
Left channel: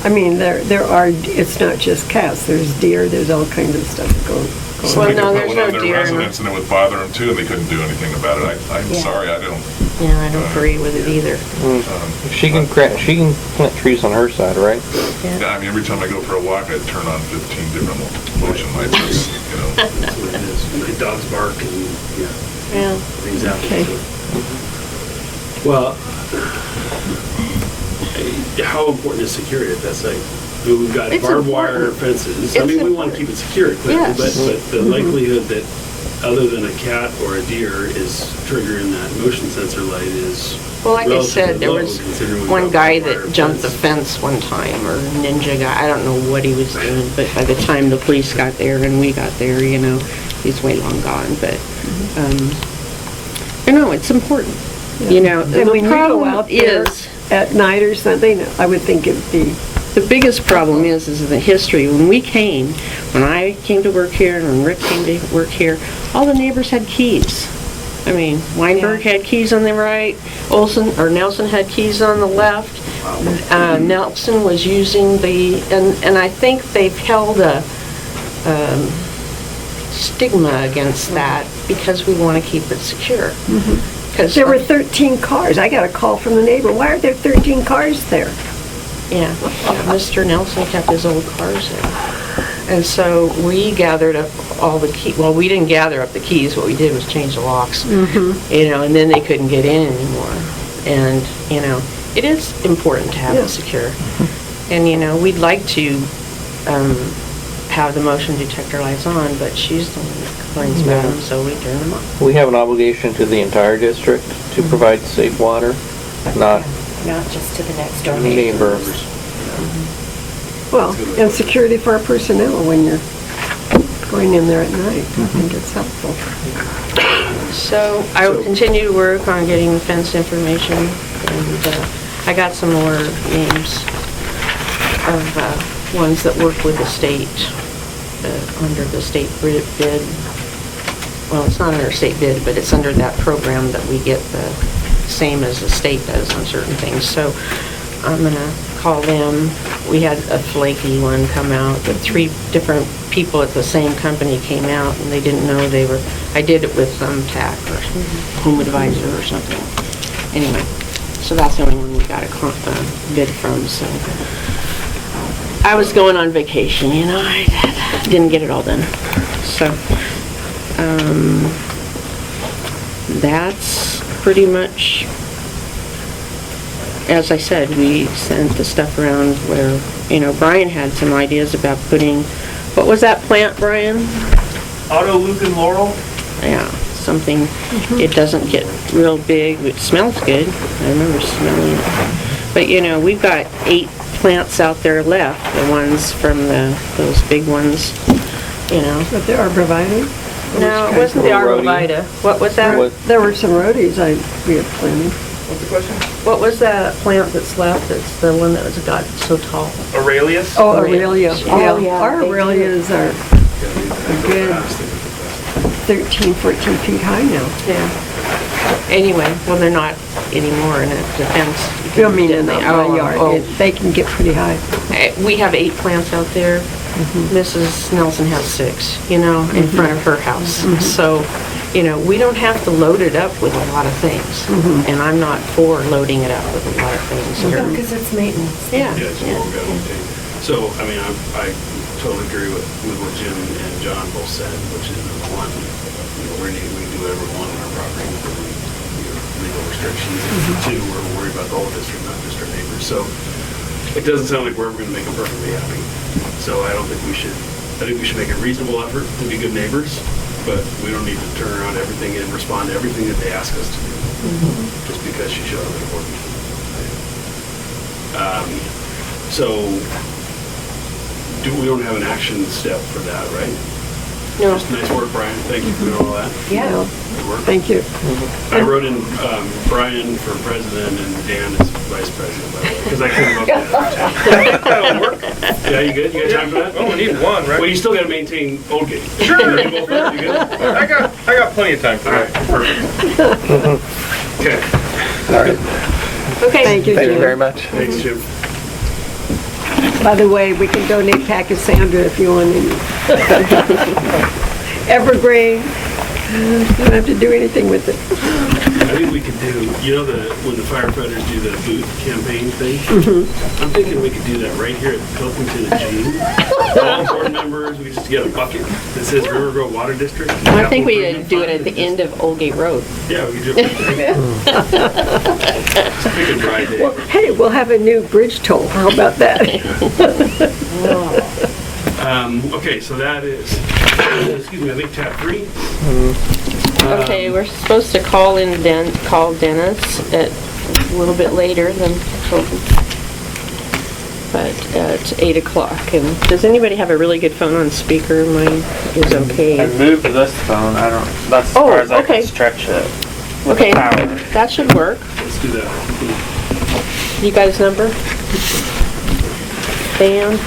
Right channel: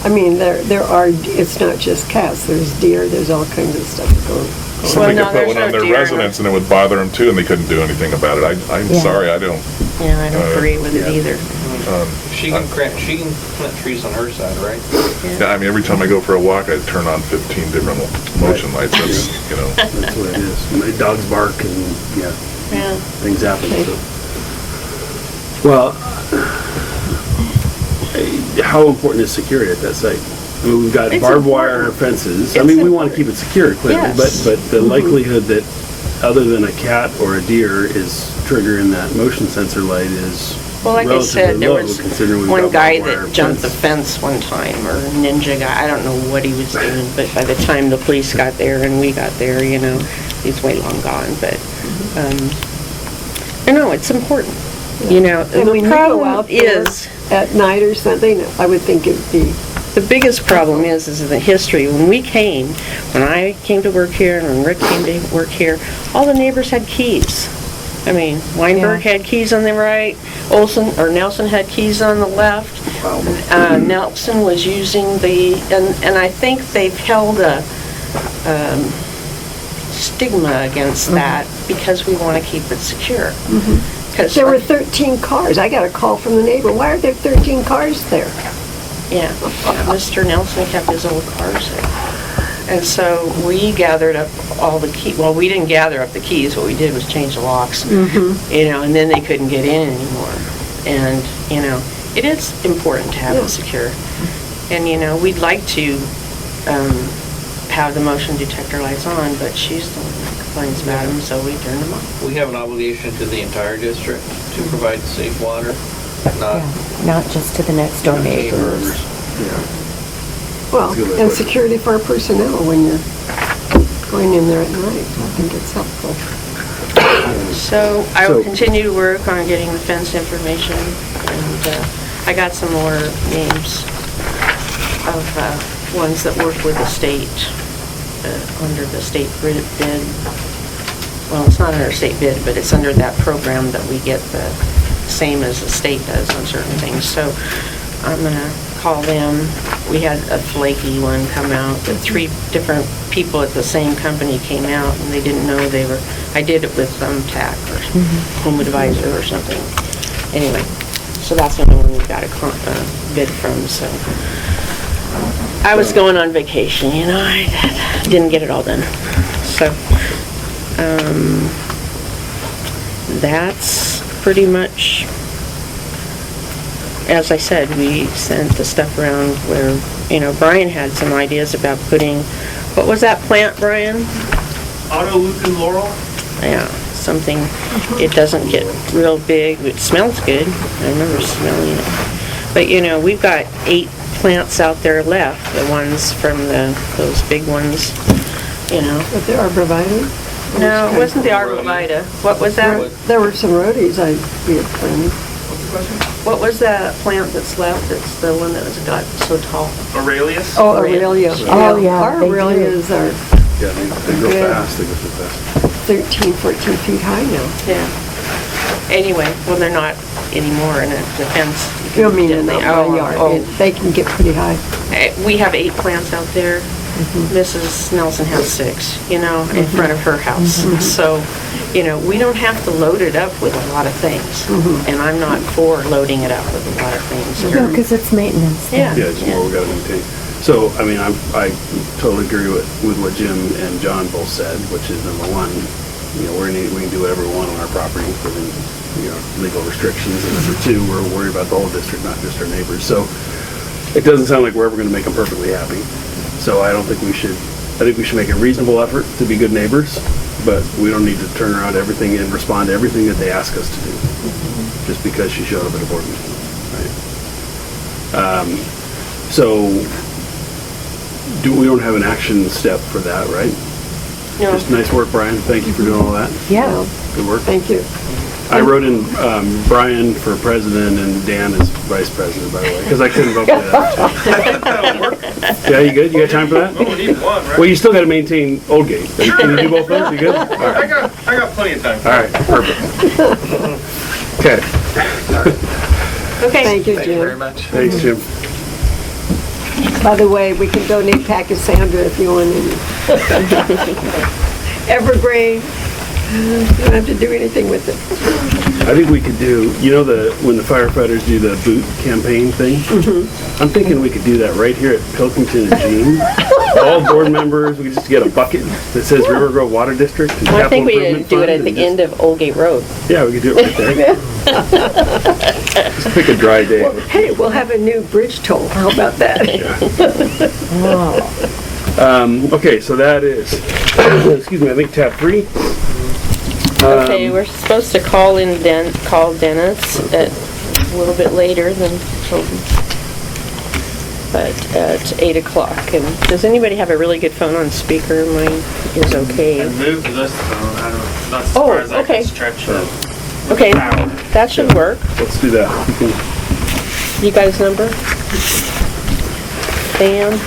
I mean, there are, it's not just cats, there's deer, there's all kinds of stuff going on. Well, Somebody no, could there's put one no on their deer in residence and it would bother them too, and they couldn't do anything about it. I'm Yeah. sorry, I don't. Yeah, I don't agree with it either. She can plant trees on her side, right? Yeah, I mean, every time I go for a walk, I turn on 15 different motion lights. That's, That's what it is. And the dogs bark and, Yeah. things happen. Okay. So. Well, how important is security at that site? I mean, we've got It's barbed wire important. fences. It's I mean, we want to important. keep it secure, clearly, Yes. but the likelihood that other than a cat or a deer is triggering that motion sensor light is Well, like I relatively said, there low, was considering we've one got guy barbed wire that jumped the fence. fence one time, or ninja guy, I don't know what he was doing, but by the time the police got there and we got there, he's way long gone, but, it's important. And when The you go problem out there is, at night or something, I would think it'd be, the biggest problem is in the history, when I came to work here and when Rick came to work here, all the neighbors had keys. I mean, Weinberg had keys on the right, Nelson had keys on the left. Nelson was using and I think they've held a stigma against that because we want to keep it secure. Because there were 13 cars. I got a call from the neighbor, why are there 13 cars there? Yeah, Mr. Nelson kept his old cars there. And so we gathered up all the keys. Well, we didn't gather up the keys. What we did was change the locks. And then they couldn't get in anymore. And, it is important to have it secure. And, we'd like to have the motion detector lights on, but she's the one that complains about them, so we turn them off. We have an obligation to the entire district to provide safe water, not Not just to the next door neighbors. neighbors. Well, and security for our personnel when you're going in there at night. I think it's helpful. So I will continue to work on getting the fence information, and I got some more names of ones that work with the state, under the state bid well, it's not under state bid, but it's under that program that we get the same as the state does on certain things. So I'm gonna call them. We had a flaky one come out, but 3 different people at the same company came out and they didn't know they were, I did it with TAC or Home Advisor or something. Anyway, so that's the only one we got a bid from, so. I was going on vacation, you know, I didn't get it all done. So, that's pretty much, as I said, we sent the stuff around where, you know, Brian had some ideas about putting, what was that plant, Brian? Auto Luke and Laurel. Yeah, something, it doesn't get real big, it smells good, I remember smelling it. But, you know, we've got 8 plants out there left, the ones from those big ones, you know. But the arborvitae? No, it wasn't the arborvitae. What was that? There were some roadies we had planted. What's the question? What was that plant that's left? It's the one that got so tall. Aurelius. Oh, Aurelia. Oh, yeah, Our they do. Aurelias are Yeah, they go Good. fast, they go fast. 13, 14 feet high now. Yeah. Anyway, well, they're not anymore, and it depends. I mean, in They- my oh, yard, oh. they can get pretty high. We have 8 plants out there. Mrs. Nelson has 6, you know, in front of her house. So, you know, we don't have to load it up with a lot of things. And I'm not for loading it up with a lot of things. No, because it's maintenance. Yeah, Yeah, it's more we gotta maintain. So, I mean, I totally agree with what Jim and John both said, which is number one, you know, we can do whatever we want on our property within, you know, legal restrictions. And number two, we're worried about the whole district, not just our neighbors. So it doesn't sound like we're ever gonna make them perfectly happy. So I don't think we should, I think we should make a reasonable effort to be good neighbors, but we don't need to turn around everything and respond to everything that they ask us to do, just because she showed up at a board meeting. Right? So we don't have an action step for that, right? No. Just nice work, Brian. Thank you for doing all that. Yeah. Good work. Thank you. I wrote in Brian for president and Dan as vice president, by the way, because I couldn't vote for that. That'll work. Yeah, you good? You got time for that? Well, we need one, right? Well, you still got to maintain Old Gate. Sure. Can you do both those? You good? All right. I got plenty of time for All that. right, perfect. Okay. Okay. Thank you, Thank you very Jim. much. Thanks, Jim. By the way, we can donate Pachysandra if you want any. Evergreen. You don't have to do anything with it. I think we could do, you know, when the firefighters do the boot campaign thing? I'm thinking we could do that right here at Pilkington and Jean. All board members, we just get a bucket that says Rivergrove Water District. and Well, I think we Capital need to do it at Improvement the end of Old Gate Road. Fund. Yeah, we could do it right there. Just pick a dry day. Well, hey, we'll have a new bridge toll. How about that? Okay, so that is, excuse me, I think tab 3. Okay, we're supposed to call Dennis at a little bit later than hoping. But at 8 o'clock. And does anybody have a really good phone on speaker? Mine is I okay. moved this phone, that's as Oh, far as I okay. can stretch it. with Okay, power. that should work. Let's do that. You got his number? Dan?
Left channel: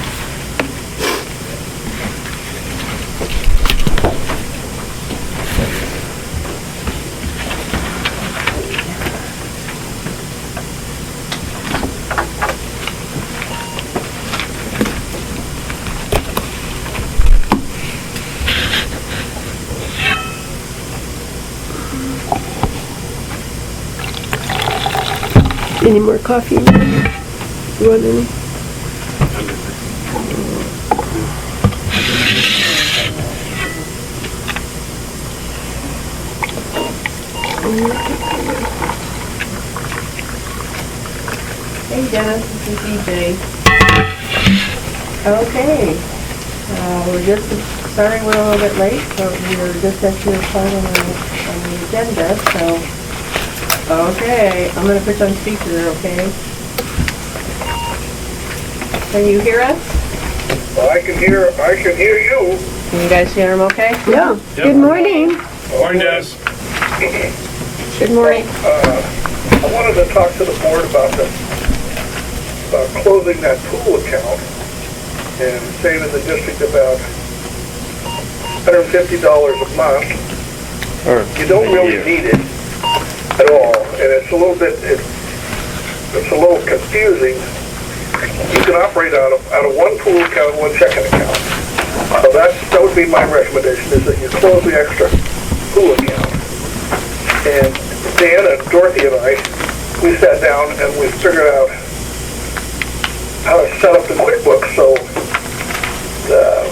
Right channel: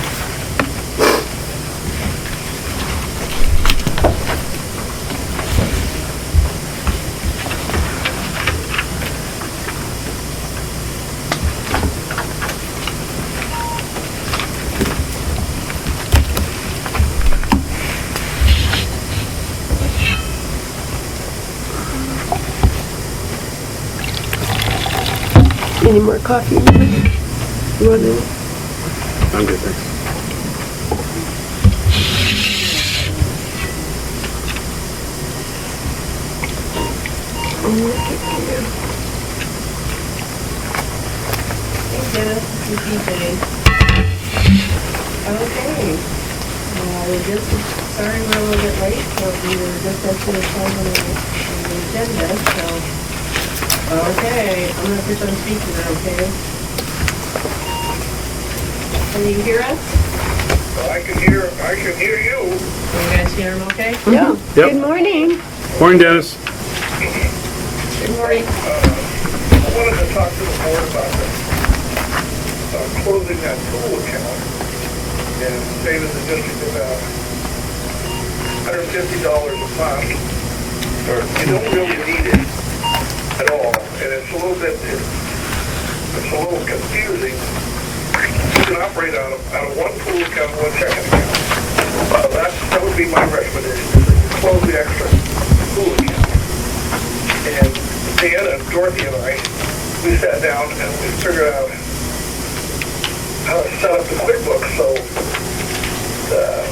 Any more coffee? You want any? I'm good there. Hey Dennis, this is DJ. Okay. We're just, sorry we're a little bit late, but we were just at your part on the agenda, so. Okay, I'm gonna put you on speaker, okay? Can you hear us? I can hear you. Can you guys hear him okay? Yeah. Yep. Good morning. Morning, Dennis. Good morning. I wanted to talk to the board about closing that pool account and saving the district about $150 a month. You don't really need it at all, and it's a little bit, it's a little confusing. You can operate out of one pool account, one checking account. So that would be my recommendation, is that you close the extra pool account. And Dan and Dorothy and I, we sat down and we figured out how to set up the QuickBooks so the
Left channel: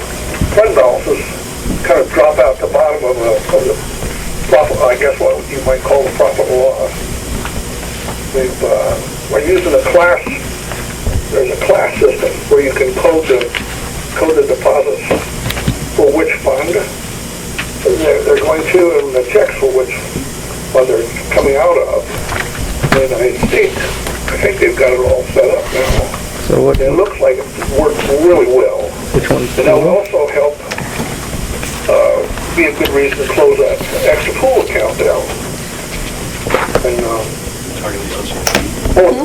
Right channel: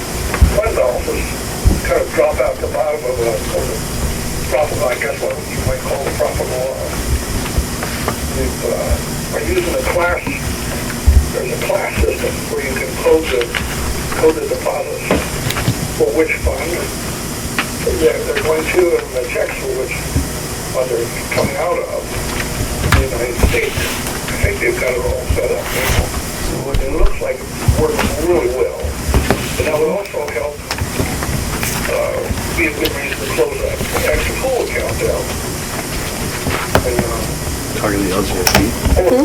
fund balances kind of drop out the bottom of the profit, I guess what you might call the profit or loss. We're using a class, there's a class system where you can code the deposits for which fund they're going to, and the checks for which fund they're coming out of. In the United States, I think they've got it all set up now. So what? It looks like it works really well. And that would also help be a good reason to close that extra pool account down. And,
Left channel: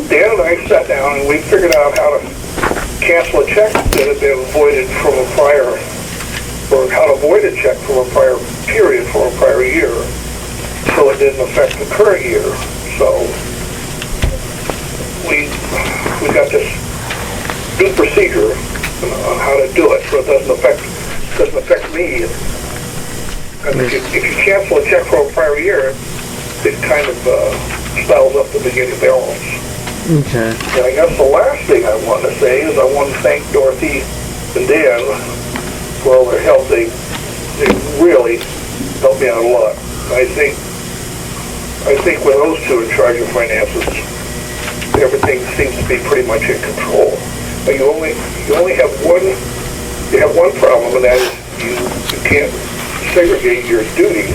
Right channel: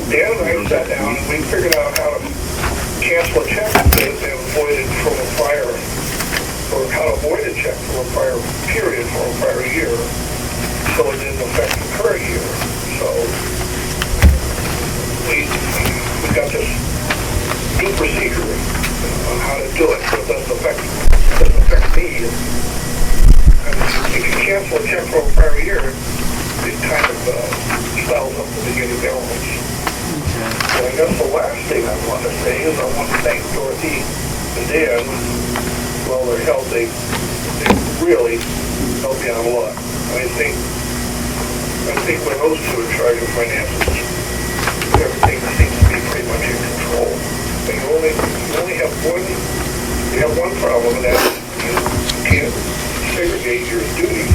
Dan and I sat down and we figured out how to cancel a check that had been voided from a prior, or how to void a check from a prior period for a prior year, so it didn't affect the current year. So we got this new procedure on how to do it, so it doesn't affect me. And if you cancel a check for a prior year, it kind of spells up the beginning balance. Okay. And I guess the last thing I want to say is I want to thank Dorothy and Dan for all their help. They really helped me out a lot. I think when those two are in charge of finances, everything seems to be pretty much in control. But you only have one problem, and that is you can't segregate your duties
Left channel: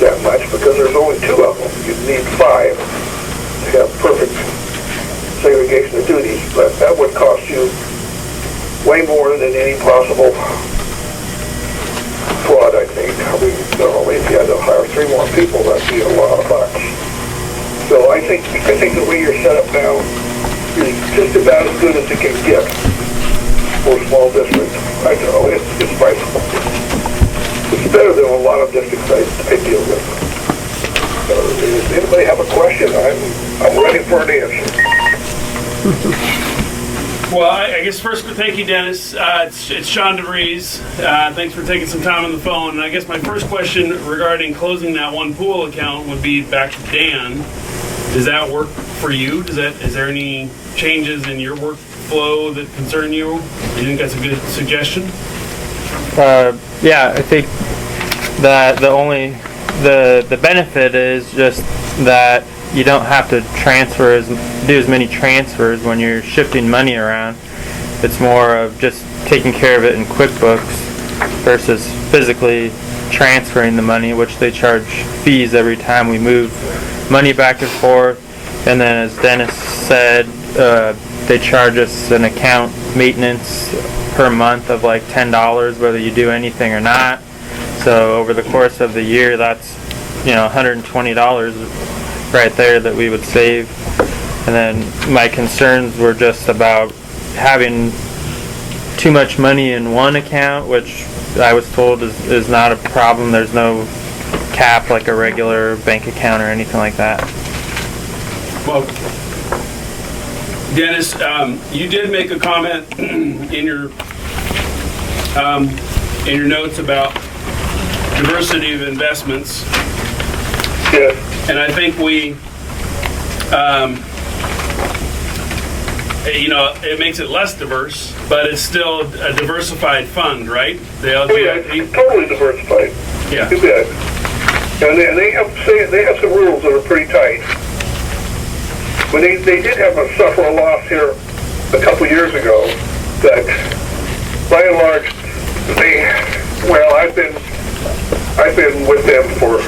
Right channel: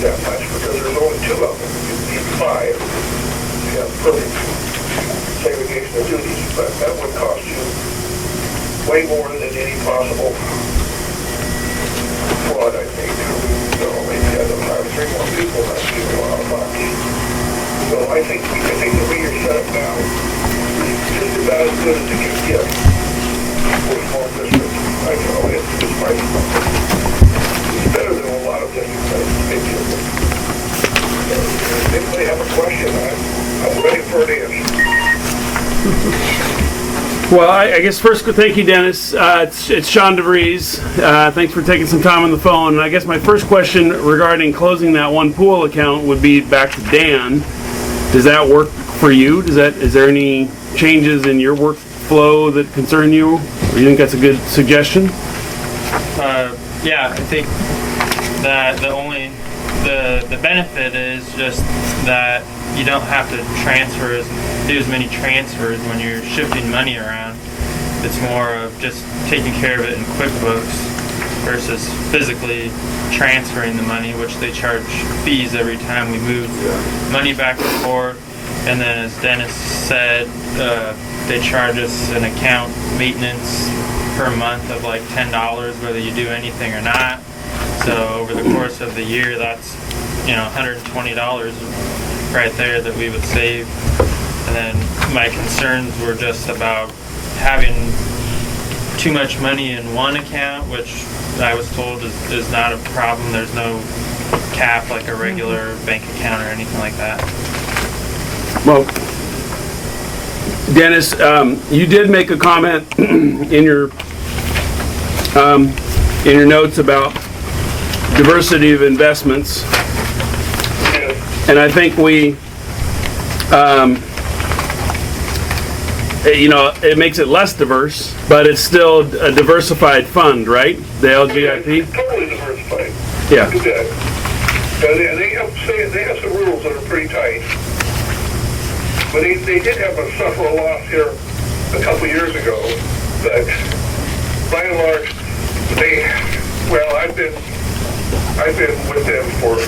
that much because there's only two of them. You need 5 to have perfect segregation of duties, but that would cost you way more than any possible fraud, I think. I mean, if you had to hire 3 more people, that'd be a lot of bucks. So I think the way you're set up now is just about as good as it can get for a small district. I know it's better than a lot of districts I deal with. So if anybody have a question, I'm ready for an answer. Well, I guess first, thank you, Dennis. It's Sean DeVries. Thanks for taking some time on the phone. And I guess my first question regarding closing that one pool account would be back to Dan. Does that work for you? Is there any changes in your workflow that concern you? Do you think that's a good suggestion? Yeah, I think that the benefit is just that you don't have to do as many transfers when you're shifting money around. It's more of just taking care of it in QuickBooks versus physically transferring the money, which they charge fees every time we move money back and forth. And then, as Dennis said, they charge us an account maintenance per month of like $10, whether you do anything or not. So over the course of the year, that's $120 right there that we would save. And then my concerns were just about having too much money in one account, which I was told is not a problem. There's no cap like a regular bank account or anything like that. Well, Dennis, you did make a comment in your notes about diversity of investments. Yes. And I think we, it makes it less diverse, but it's still a diversified fund, right? The LGIP? It's totally diversified. Yeah. You bet. And they have some rules that are pretty tight. But they did have suffer a loss here a couple years ago, but by and large, I've been with them for,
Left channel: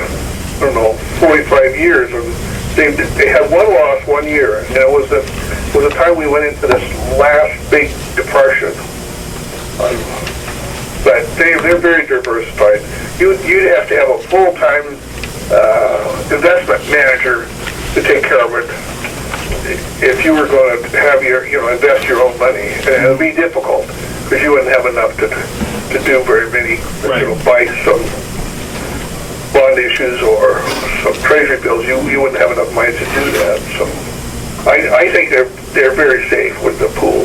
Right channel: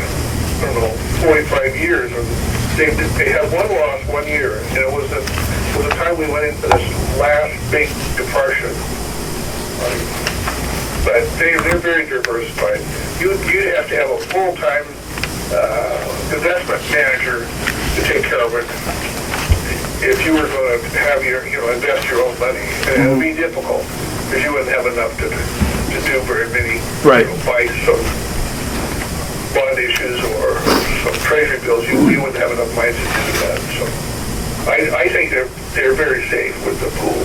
45 years, and they had one loss one year, and it was the time we went into this last big depression. But they're very diversified. You'd have to have a full-time investment manager to take care of it if you were going to have invest your own money. And it would be difficult because you wouldn't have enough to do very many, right. Buy some bond issues or some treasury bills, you wouldn't have enough money to do that. So I think they're very safe with the pool.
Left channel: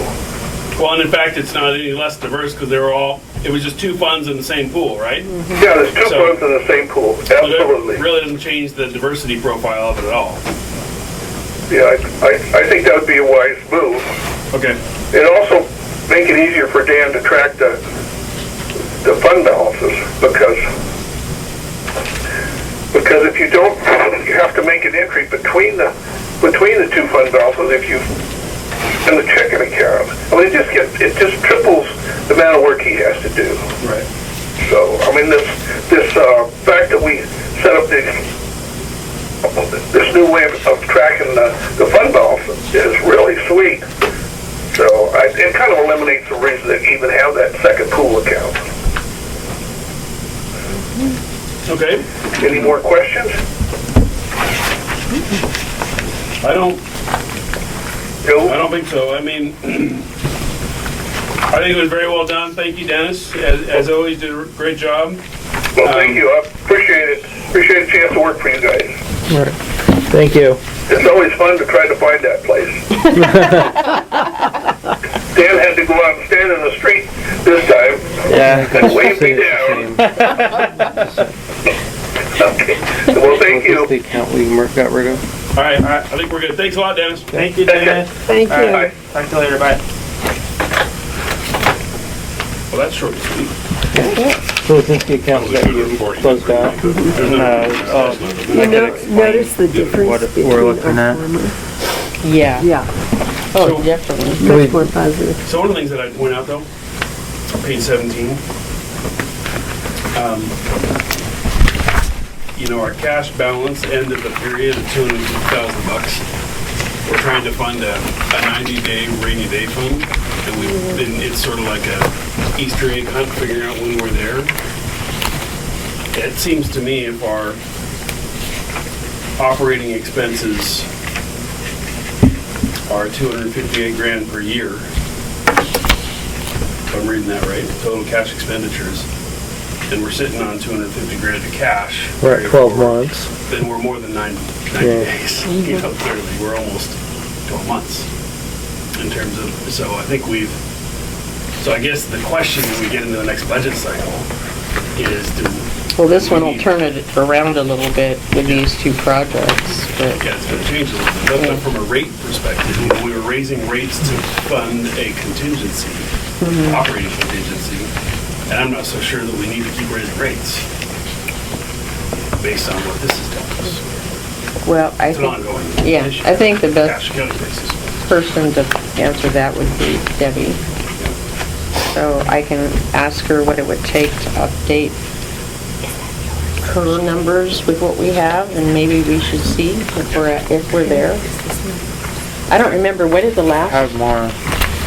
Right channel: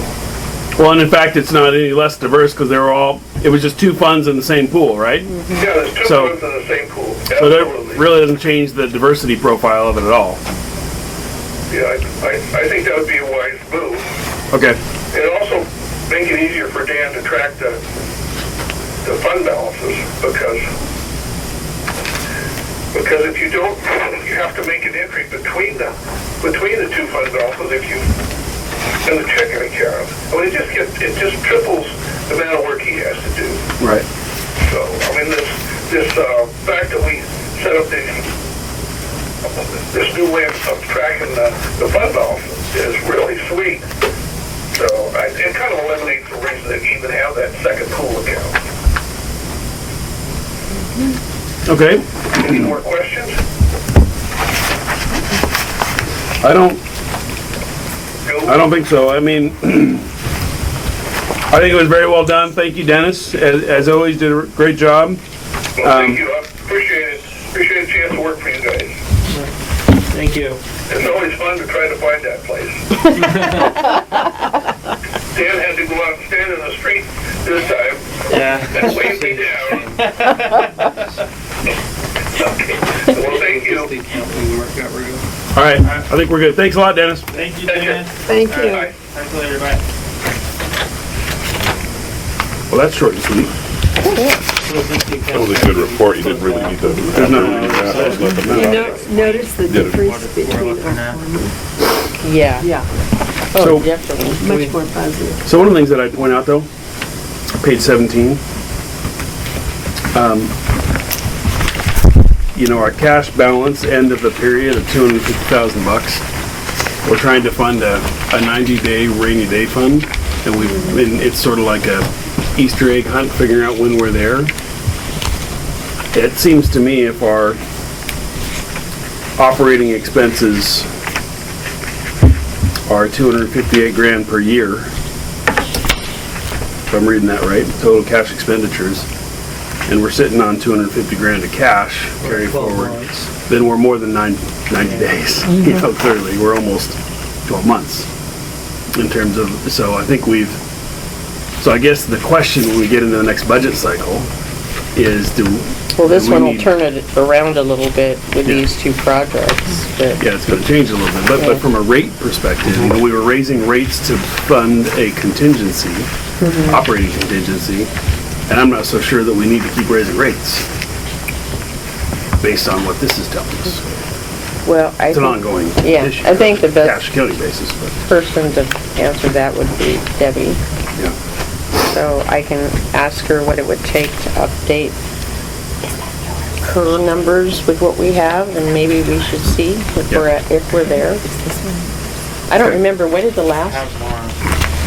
Well, and in fact, it's not any less diverse because it was just two funds in the same pool, right? Yeah, there's two funds in the same pool. So Absolutely. that really doesn't change the diversity profile of it at all. Yeah, I think that would be a wise move. Okay. And also make it easier for Dan to track the fund balances because if you don't, you have to make an entry between the two fund balances if you in the checking account. I mean, it just triples the amount of work he has to do. Right. So, I mean, this fact that we set up this new way of tracking the fund balance is really sweet. So, it kind of eliminates the reason to even have that second pool account. Okay. Any more questions? I don't think so. I mean, I think it was very well done. Thank you, Dennis. As always, did a great job. Well, thank you. I appreciate it. Appreciate the chance to work for you guys. Right. Thank you. It's always fun to try to find that place. Dan had to go out and stand in the street this time. Yeah. And wave me down. Okay. Well, thank you. The account we got rid of. All right. I think we're good. Thanks a lot, Dennis. Thank you, Dennis. Thank you. Bye. Talk to you later, bye. Well, that's short and sweet. So since the account's Totally good report. You didn't really need to. You notice the difference what we're between looking our at. farmer? Yeah. Yeah, Oh, So- definitely. much more positive. So one of the things that I point out, though, page 17, our cash balance end of the period of $250,000. We're trying to fund a 90-day rainy day fund, and it's sort of like a Easter egg hunt, figuring out when we're there. It seems to me if our operating expenses are $258,000 per year, if I'm reading that right, total cash expenditures, and we're sitting on $250,000 of cash. We're carry at 12 forward, months. Then we're more than 90 days. Clearly, we're almost 12 months in terms of, so I think so I guess the question when we get into the next budget cycle is Well, this we one will need- turn it around a little bit with these two projects, but Yeah, it's going to change a little bit, but from a rate perspective, we were raising rates to fund a contingency, operating contingency, and I'm not so sure that we need to keep raising rates based on what this is telling us. well, I It's an think, ongoing yeah, issue. I think the best Cash accounting basis. person to answer that would be Debbie. Yeah. So I can ask her what it would take to update her numbers with what we have, and maybe we should see if we're there. I don't remember, what did the last? Have more.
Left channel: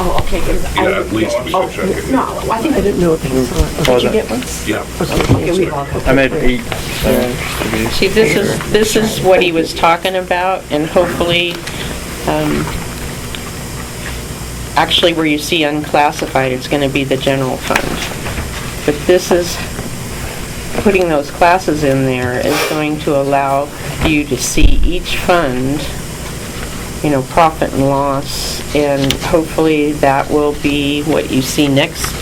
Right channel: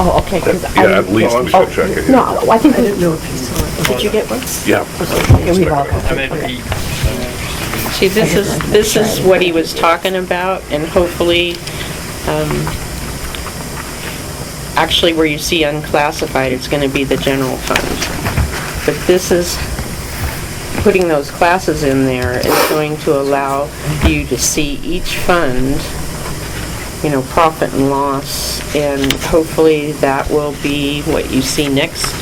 Oh, okay, because Yeah, at least we should check it. No, I think I didn't know if you saw it. Did you get one? Yeah. Okay, we all. I made 8. See, this is what he was talking about, and hopefully, actually where you see unclassified, it's gonna be the general fund. But this is, putting those classes in there is going to allow you to see each fund, profit and loss, and hopefully that will be what you see next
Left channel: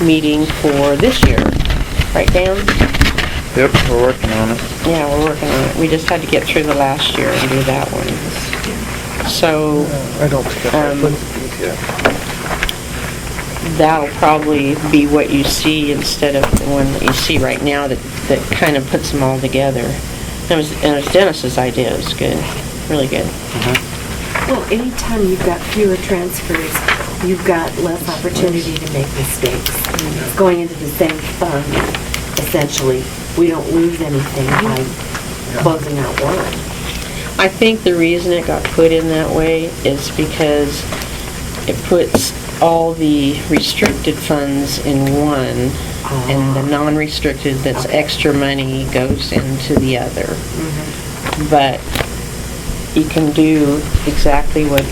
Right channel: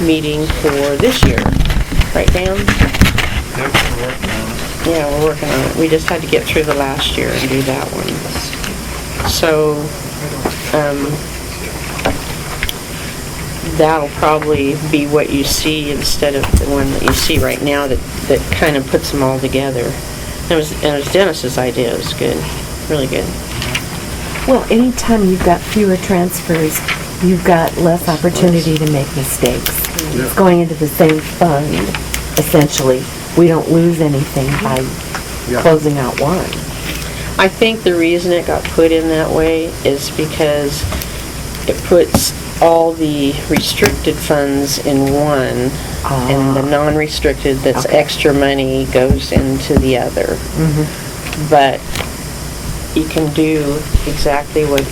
meeting for this year. Right, Dan? Yep, we're working on it. Yeah, we're working on it. We just had to get through the last year and do that one. So, that'll probably be what you see instead of the one that you see right now that kind of puts them all together. It was Dennis's idea. It was good, really good. Well, anytime you've got fewer transfers, you've got less opportunity to make mistakes. It's going into the same fund, essentially. We don't lose anything by closing out one. I think the reason it got put in that way is because it puts all the restricted funds in one, and the non-restricted that's extra money goes into the other. But you can do exactly what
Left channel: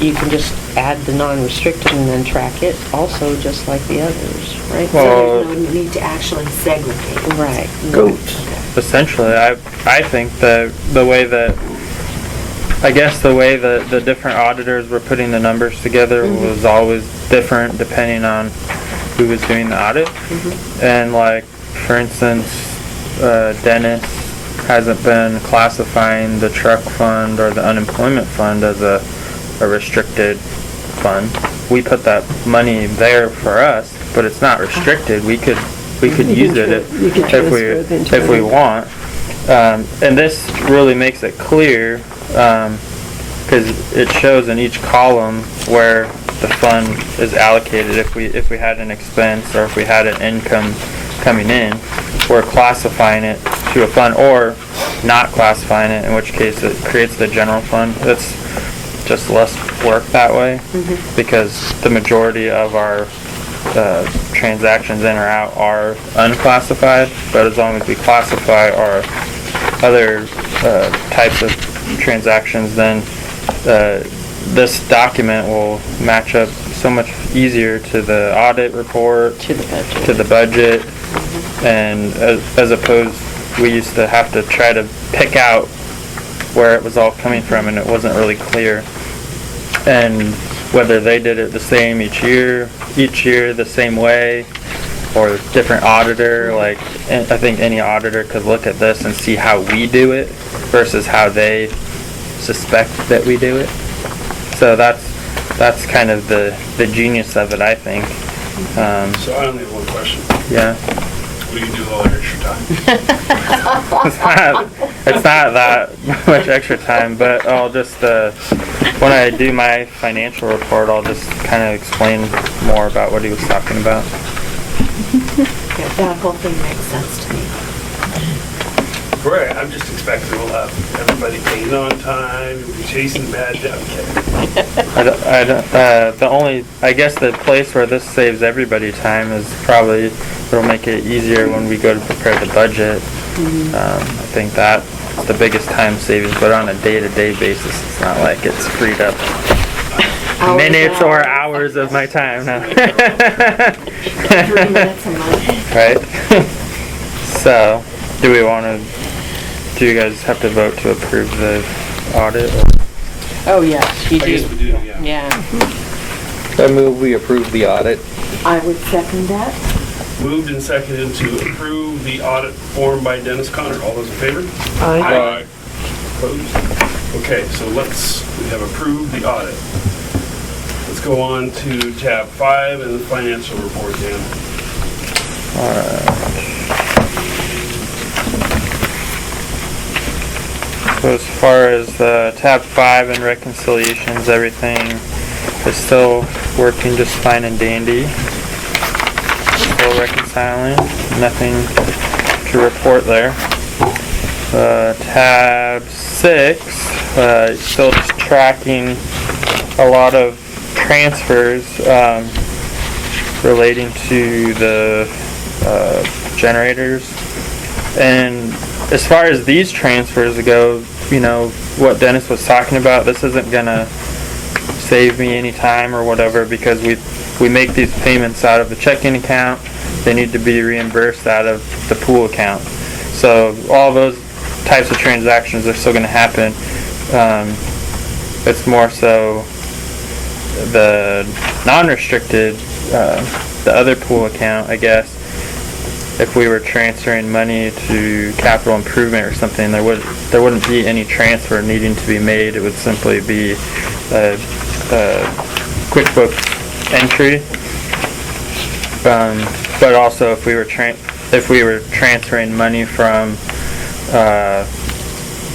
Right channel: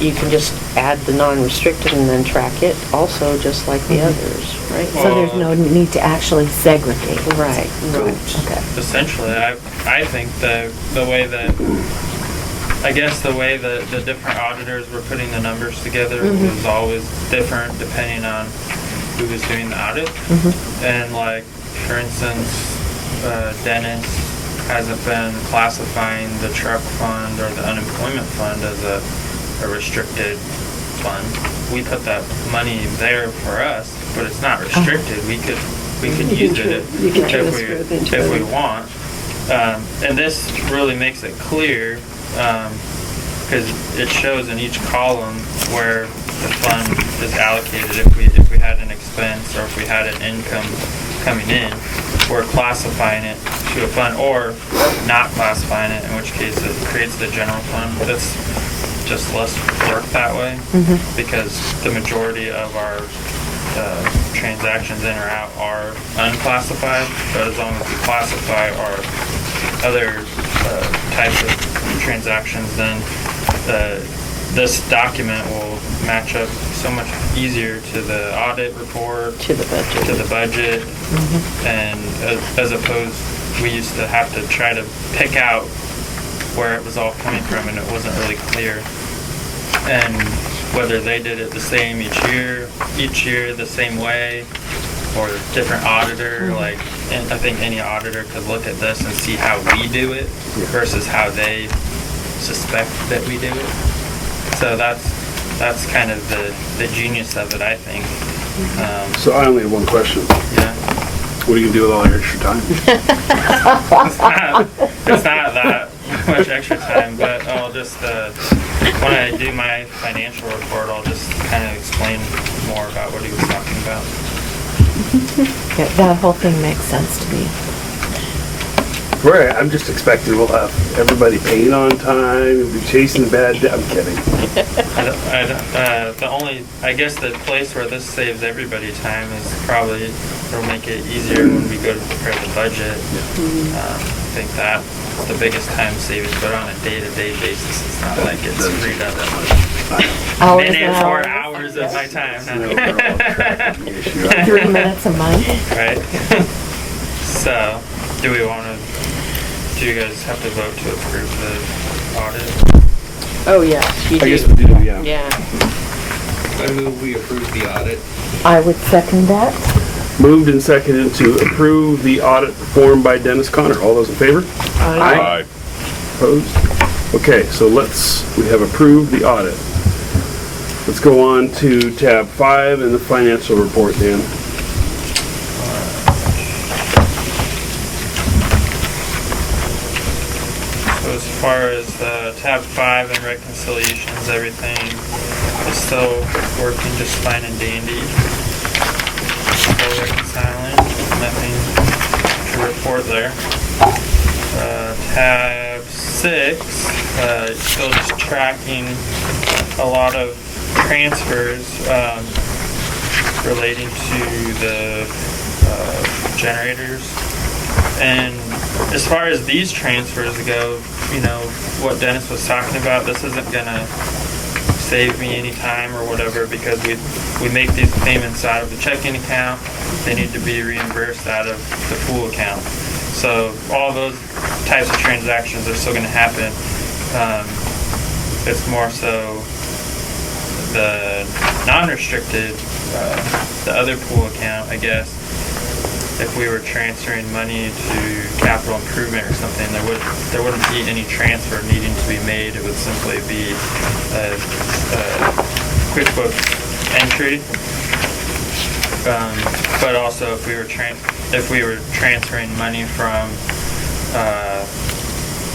you can just add the non-restricted and then track it also, just like the others, right? So there's no need to actually segregate. Right. Good. Okay. Essentially, I think the way that, I guess the way that the different auditors were putting the numbers together was always different depending on who was doing the audit. And like, for instance, Dennis hasn't been classifying the truck fund or the unemployment fund as a restricted fund. We put that money there for us, but it's not restricted. We could use it if we want. And this really makes it clear, because it shows in each column where the fund is allocated. If we had an expense or if we had an income coming in, we're classifying it to a fund, or not classifying it, in which case it creates the general fund. It's just less work that way, because the majority of our transactions in or out are unclassified, but as long as we classify our other types of transactions, then this document will match up so much easier to the audit report, To the budget. And as opposed, we used to have to try to pick out where it was all coming from, and it wasn't really clear. And whether they did it the same each year the same way, or different auditor, like, and I think any auditor could look at this and see how we do it versus how they suspect that we do it. So that's kind of the genius of it, I think. So I only have one question. Yeah. What do you do with all your extra time? It's not that much extra time, but I'll just, when I do my financial report, I'll just kind of explain more about what he was talking about. Yeah, that whole thing makes sense to me. Right, I'm just expecting we'll have everybody paid on time, we'll be chasing bad debt. I'm kidding. I guess the place where this saves everybody time is probably, it'll make it easier when we go to prepare the budget. I think that's the biggest time savings, but on a day-to-day basis, it's not like it's freed up minutes or hours of my time. 3 minutes a month. Right? So, do you guys have to vote to approve the audit? Oh, yes, you I guess do. we do, yeah. Yeah. I move we approve the audit. I would second that. Moved and seconded to approve the audit performed by Dennis Connor. All those in favor? Aye. Opposed? Okay, so we have approved the audit. Let's go on to tab 5 in the financial report, Dan. So as far as tab 5 and reconciliations, everything is still working just fine and dandy. Still reconciling, nothing to report there. Tab 6, still just tracking a lot of transfers relating to the generators. And as far as these transfers go, you know, what Dennis was talking about, this isn't gonna save me any time or whatever, because we make these payments out of the checking account. They need to be reimbursed out of the pool account. So all those types of transactions are still gonna happen. It's more so the non-restricted, the other pool account, I guess. If we were transferring money to capital improvement or something, there wouldn't be any transfer needing to be made. It would simply be a QuickBooks entry. But also, if we were transferring money from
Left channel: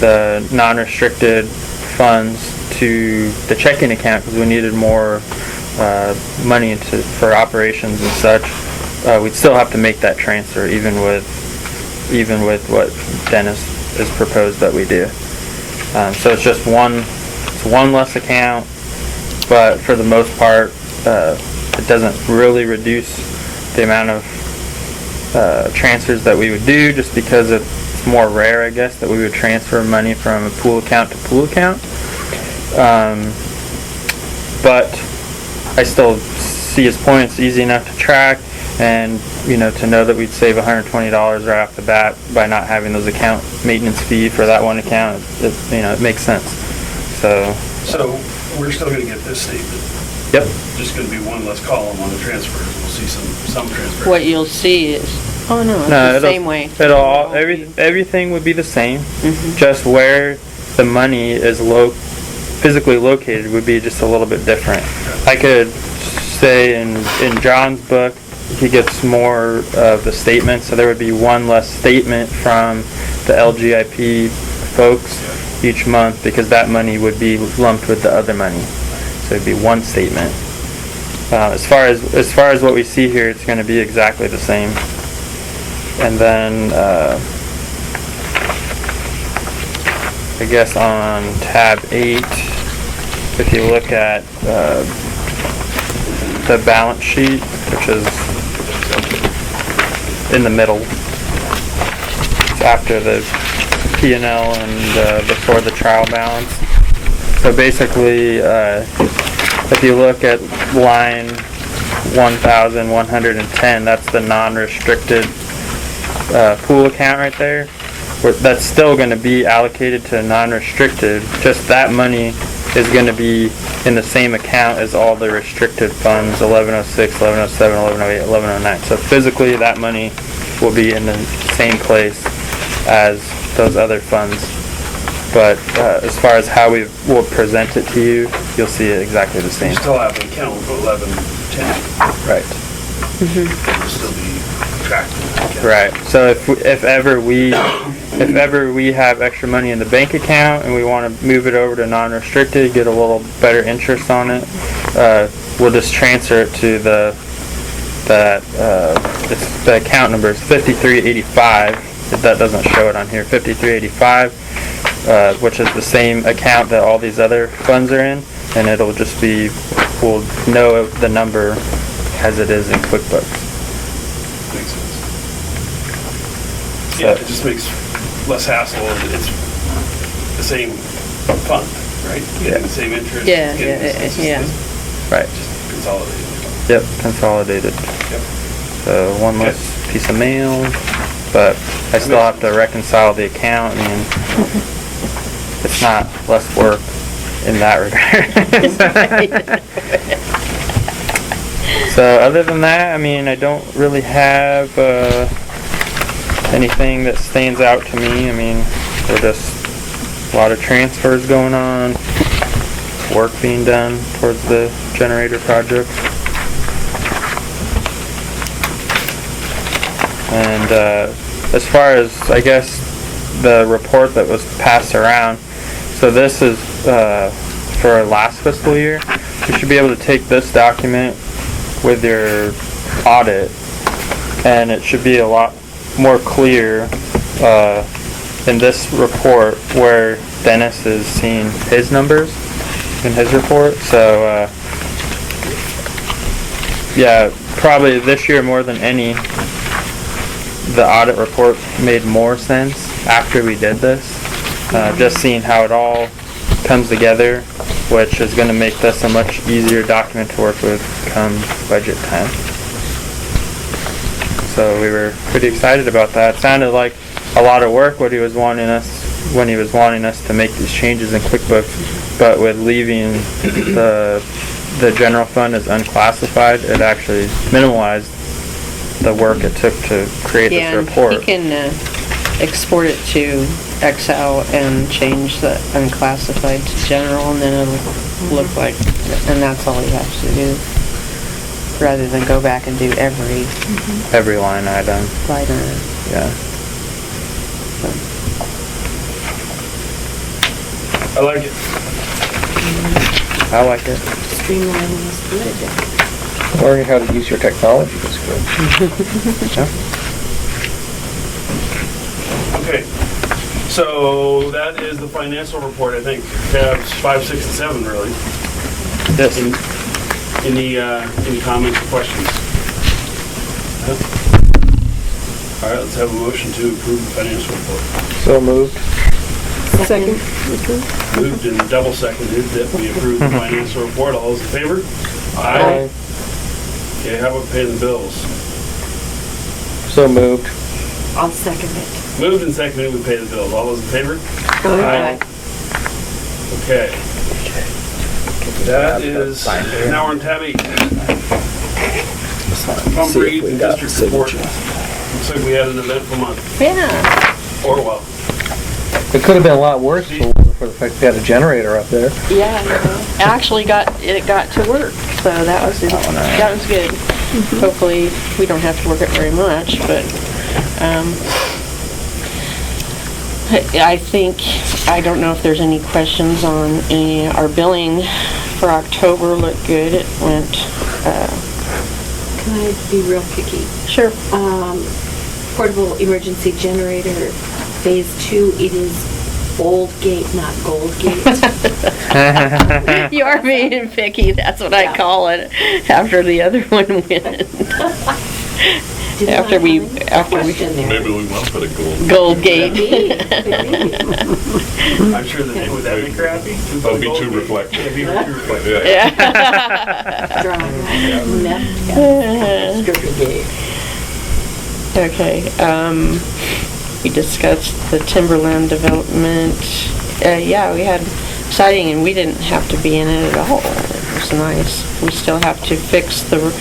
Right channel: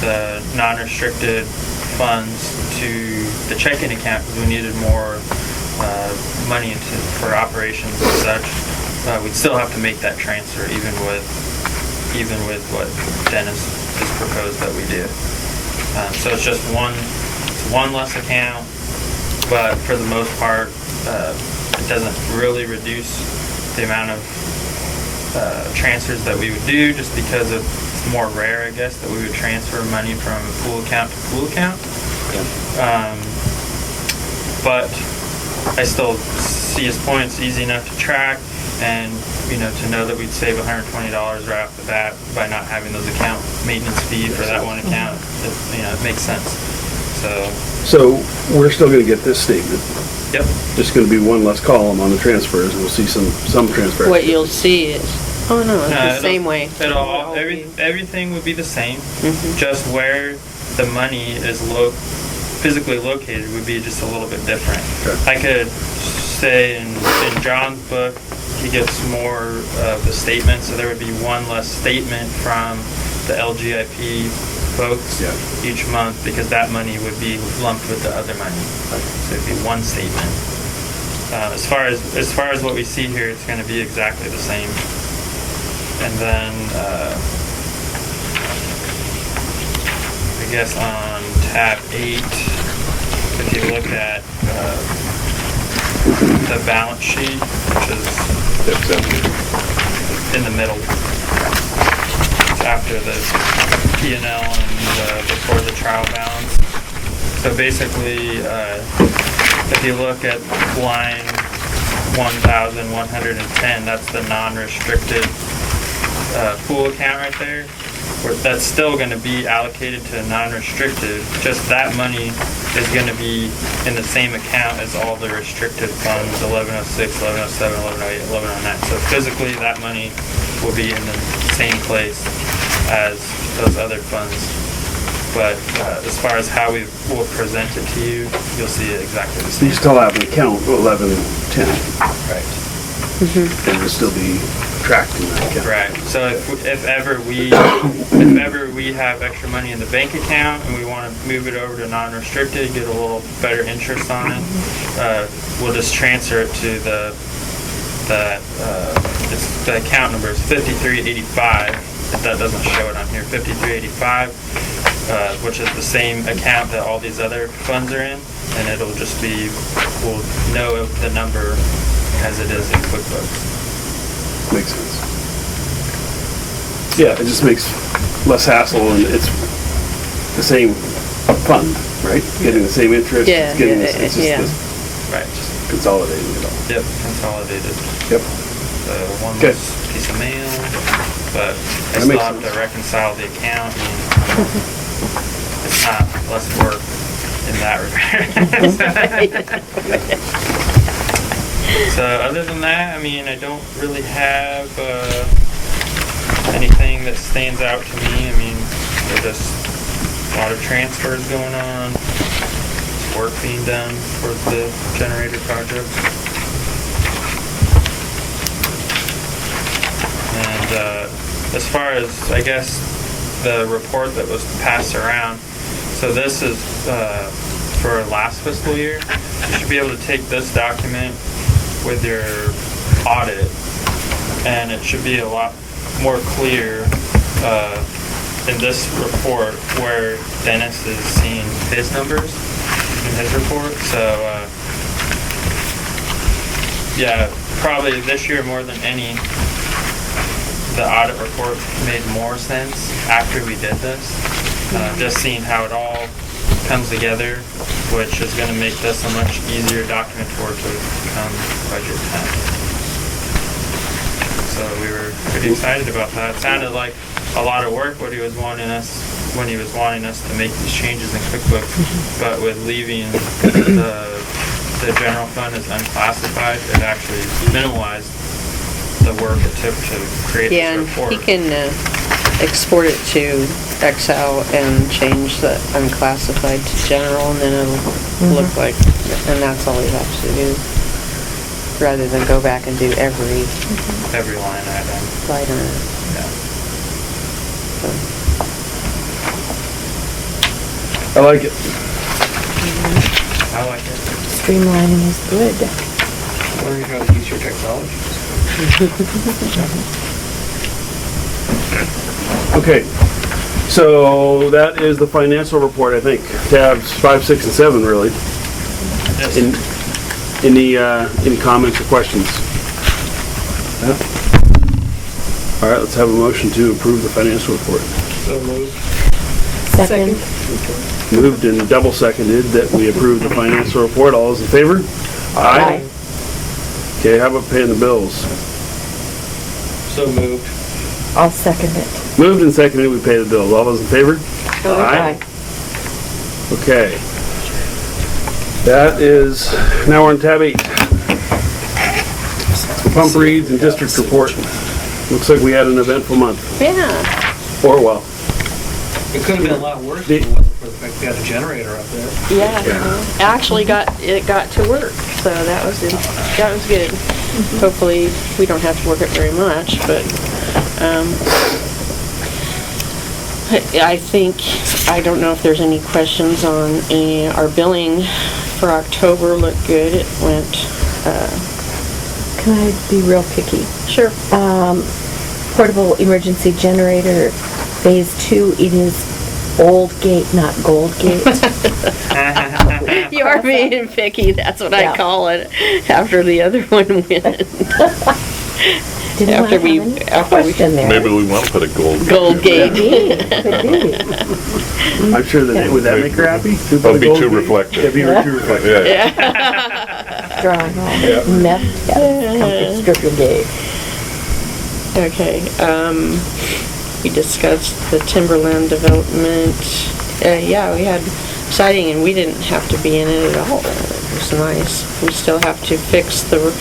the non-restricted funds to the checking account because we needed more money for operations and such, we'd still have to make that transfer, even with what Dennis has proposed that we do. So it's just one less account, but for the most part, it doesn't really reduce the amount of transfers that we would do, just because it's more rare, I guess, that we would transfer money from a pool account to pool account. but I still see his point. It's easy enough to track, and to know that we'd save $120 right off the bat by not having those account maintenance fee for that one account. It makes sense. So we're still gonna get this statement. Yep. Just gonna be one less column on the transfers. We'll see some transfers. What you'll see is, oh no, it's the it'll- same way. Everything would be the same. Mhm. Just where the money is physically located would be just a little bit different. I could say in John's book, he gets more of the statement, so there would be one less statement from the LGIP folks each month, because that money would be lumped with the other money. So it'd be one statement. As far as what we see here, it's going to be exactly the same. And then I guess on tab 8, if you look at the balance sheet, which is in the middle, it's after the P&L and before the trial balance. So basically, if you look at line 1,110, that's the non-restricted pool account right there. That's still going to be allocated to non-restricted, just that money is going to be in the same account as all the restricted funds, 1106, 1107, 1108, 1109. So physically that money will be in the same place as those other funds. But as far as how we will present it to you, you'll see it exactly the same. You still have an account 1110. Right. It will still be tracked in that account. Right. So if ever we have extra money in the bank account and we want to move it over to non-restricted, get a little better interest on it, we'll just transfer it to the account number is 5385. If that doesn't show it on here, 5385, which is the same account that all these other funds are in, and it'll just be, we'll know the number as it is in QuickBooks. Makes sense. Yeah, it just makes less hassle, and it's the same fund, right? Getting the same interest. Yeah, it's just yeah. Right. Just consolidated. Yep, consolidated. Yep. So one Okay. less piece of mail, but I That still makes have to reconcile the account. I mean, it's not less work in that regard. So other than that, I mean, I don't really have anything that stands out to me. I mean, there's just a lot of transfers going on, work being done towards the generator project. And as far as, I guess, the report that was passed around, so this is for last fiscal year. You should be able to take this document with your audit, and it should be a lot more clear in this report where Dennis is seeing his numbers in his report. So yeah, probably this year more than any, the audit report made more sense after we did this. Just seeing how it all comes together, which is going to make this a much easier document to work with come budget time. So we were pretty excited about that. It sounded like a lot of work when he was wanting us to make these changes in QuickBooks, but with leaving the general fund as unclassified, it actually minimalized the work it took to create Yeah, this report. and he can export it to Excel and change the unclassified to general, and then it'll look like, and that's all he has to do, rather than go back and do every line item. line item. Yeah. I like it. I like it. Streamlining is good. Learning how to use your technology is good. Okay, so that is the financial report, I think. Tabs 5, 6, and 7, really. Yes. Any comments or questions? No? All right, let's have a motion to approve the financial report. So moved. Second. Moved and double seconded that we approve the financial report. All those in favor? Aye. Okay, how about paying the bills? So moved. I'll second it. Moved and seconded, we pay the bills. All those in favor? Aye. Okay. That is, now we're on tab 8. Pump reads and district report. Looks like we had an eventful month. Yeah, Or well. It could have been a lot worse if it wasn't for the fact we had a generator up there. yeah. Actually got to work, so that was good. Hopefully, we don't have to work it very much, but, I don't know if there's any questions on our billing for October looked good. It went, Can I be real picky? sure. Portable emergency generator, phase 2, it is Old Gate, not Gold Gate. You are being picky, that's what I Yeah. call it, after the other one went. Didn't After I we- have any after we- question there? Maybe we want to put a gold. Gold Gate. I'm sure that, would that make her happy? That'd be too reflective. That'd be too reflective. Yeah. Yeah. Draw, meth, yeah, stripper gate. Okay, we discussed the Timberland development. Yeah, we had siding and we didn't have to be in it at all. It was nice. We still have to fix or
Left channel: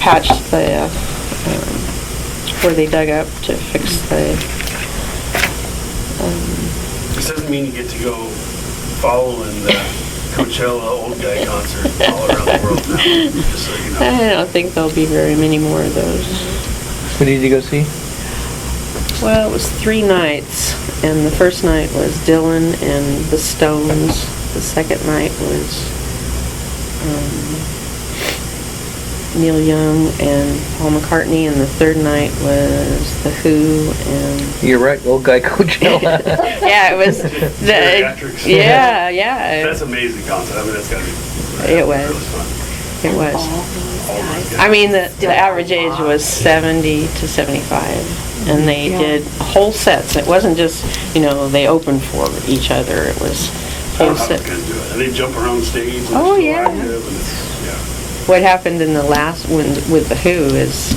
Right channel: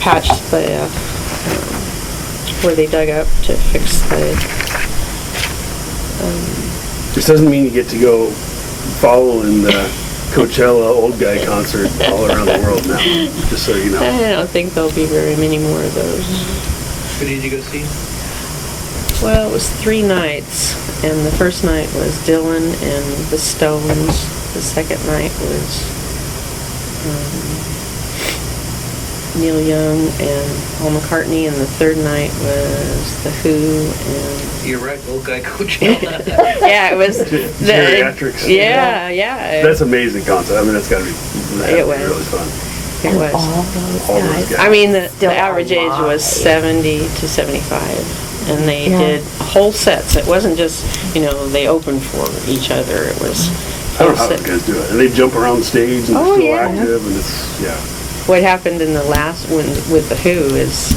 patch the, where they dug up to fix the, This doesn't mean you get to go following the Coachella old guy concert all around the world now, just so you know. I don't think there'll be very many more of those. Who did you go see? Well, it was 3 nights, and the first night was Dylan and the Stones. The second night was Neil Young and Paul McCartney, and the third night was The Who and... You're right, old guy Coachella. Yeah, it was Geriatrics. Yeah. That's an amazing concert. I mean, that's gotta be It was. really fun. It was. All those All those guys. guys. I mean, the Still average age alive. was 70 to 75, and they Yeah. did whole sets. It wasn't just, they opened for each other. It was I whole don't know how set. the guys do it. And they jump around the stage and Oh, they're still yeah. active and it's, yeah. What happened in the last one with The Who is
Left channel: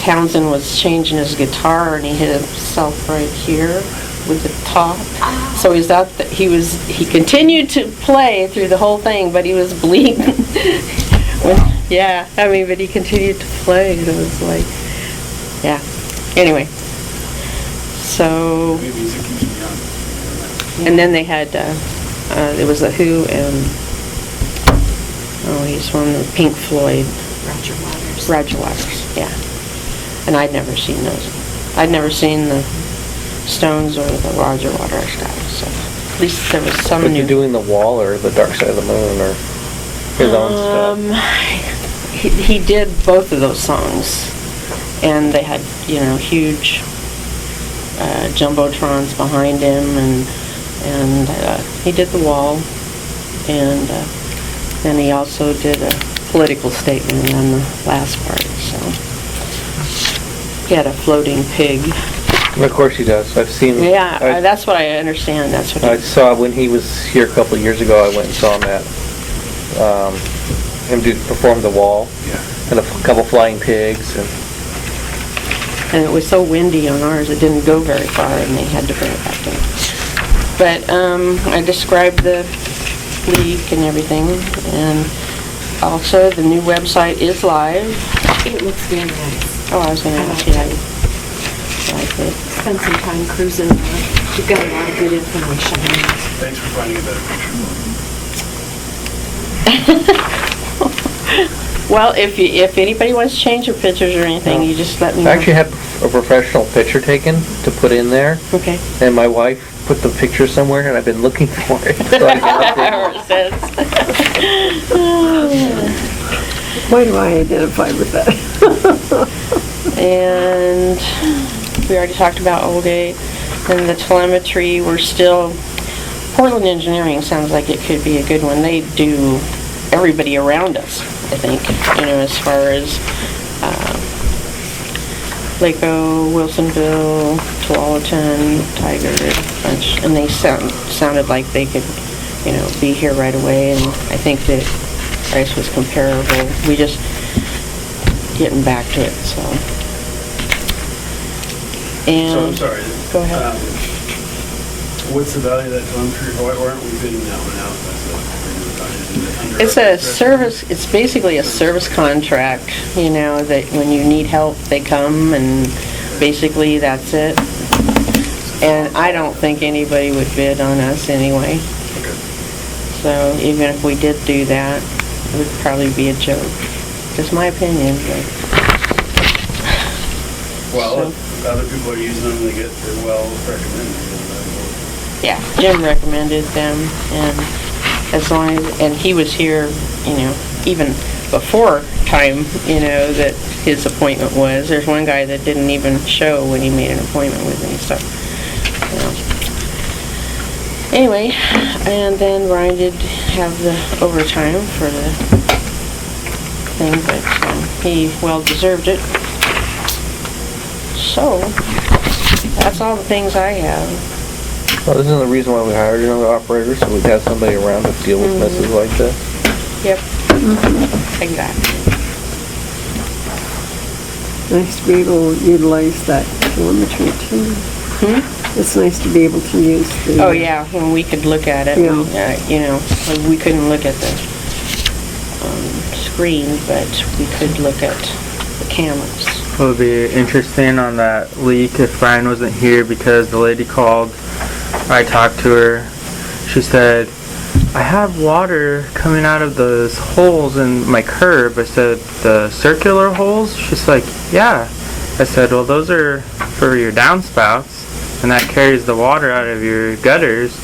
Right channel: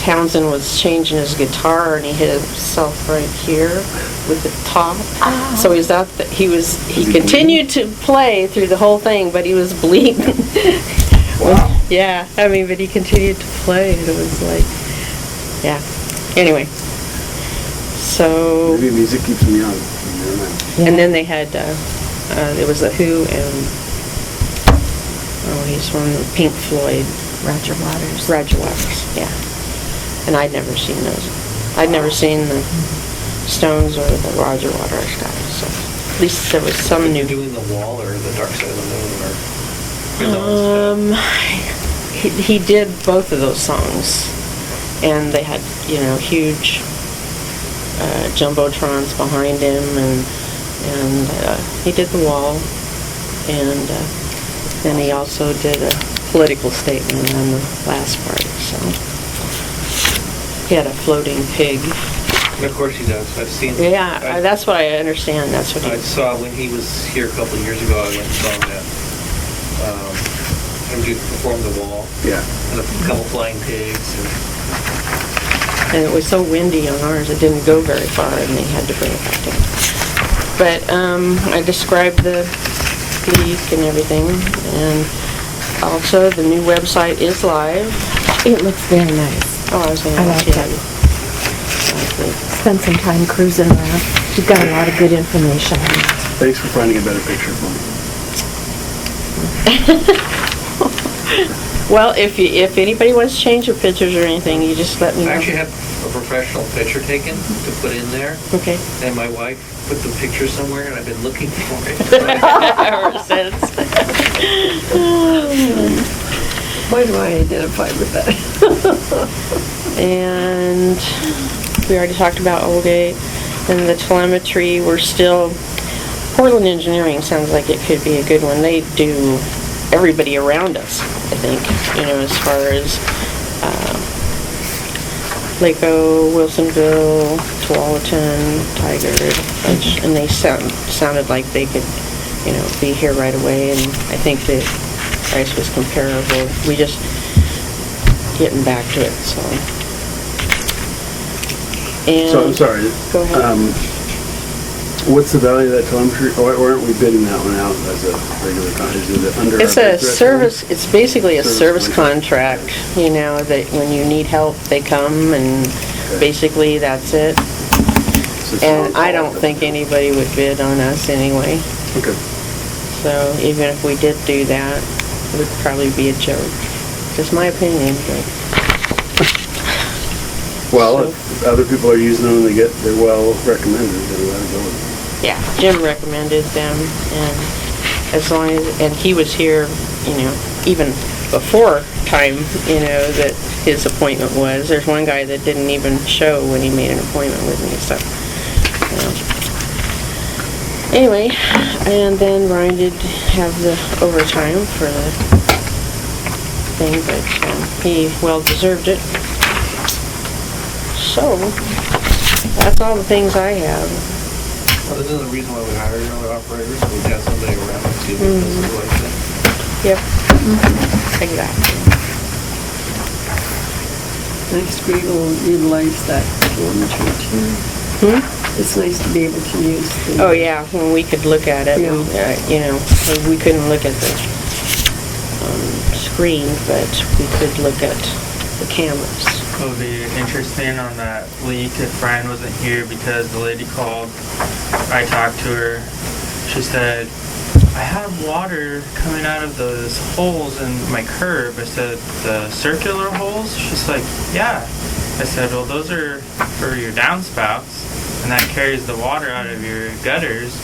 Townsend was changing his guitar and he hit himself right here with the top. So he's out. He continued to play through the whole thing, but he was bleeding. Yeah, but he continued to play. And it was like, yeah. Anyway, so Maybe music keeps me young. and then they had it was The Who and he's from Pink Floyd. Roger Waters. Roger Waters, yeah. And I'd never seen those. I'd never seen the Stones or the Roger Waters guys, so at least there was some Were new. you doing the Wall or the Dark Side of the Moon or his own stuff? He did both of those songs, and they had huge jumbotrons behind him, and he did the Wall, and then he also did a political statement on the last part. So he had a floating pig. Of course he does. I've seen. Yeah, that's what I understand. That's what I he. saw when he was here a couple of years ago. I went and saw him at him perform the Wall. Yeah. And a couple flying pigs And it was so windy on ours, it didn't go very far, and they had to bring it back in. But I described the leak and everything, and also the new website is live. It looks very nice. Oh, I was going to I ask like you. it. Like it. Spend some time cruising around. You've got a lot of good information. Thanks for finding a better picture for Well, if anybody wants to change your pictures or anything, you just let me know. I actually had a professional picture taken to put in there. Okay. And my wife put the picture somewhere, and I've been looking for it. Ever since. Why do I identify with that? And we already talked about Oldgate. And the telemetry, we're still, Portland Engineering sounds like it could be a good one. They do everybody around us, I think, as far as Laco, Wilsonville, Tualatin, Tiger, bunch, and they sounded like they could, be here right away, and I think the price was comparable. We just getting back to it, so. And So I'm sorry. Go ahead. What's the value of that telemetry? Why aren't we bidding that one out as a regular contract? Is it under? It's our a bid service, threshold? it's basically a service contract, that when you need help, they come, and basically that's it. So it's And not- I don't think anybody would bid on us anyway. Okay. So even if we did do that, it would probably be a joke. Just my opinion, but. Well, if other people are using them, they're well recommended. Yeah, Jim recommended them, and as long as, and he was here, even before time, that his appointment was. There's one guy that didn't even show when he made an appointment with me, so. Anyway, and then Ryan did have the overtime for the thing, but he well deserved it. So, that's all the things I have. Well, isn't the reason why we hired another operator, so we'd have somebody around to deal with messes like that? Yep. Exactly. Nice to be able to utilize that telemetry too. It's nice to be able to use the... Oh, yeah, when we could look at it, we couldn't look at the screen, but we could look at the cameras. It would be interesting on that leak if Brian wasn't here, because the lady called. I talked to her. She said, I have water coming out of those holes in my curb. I said, the circular holes? She's like, yeah. I said, well, those are for your downspouts, and that carries the water out of your gutters.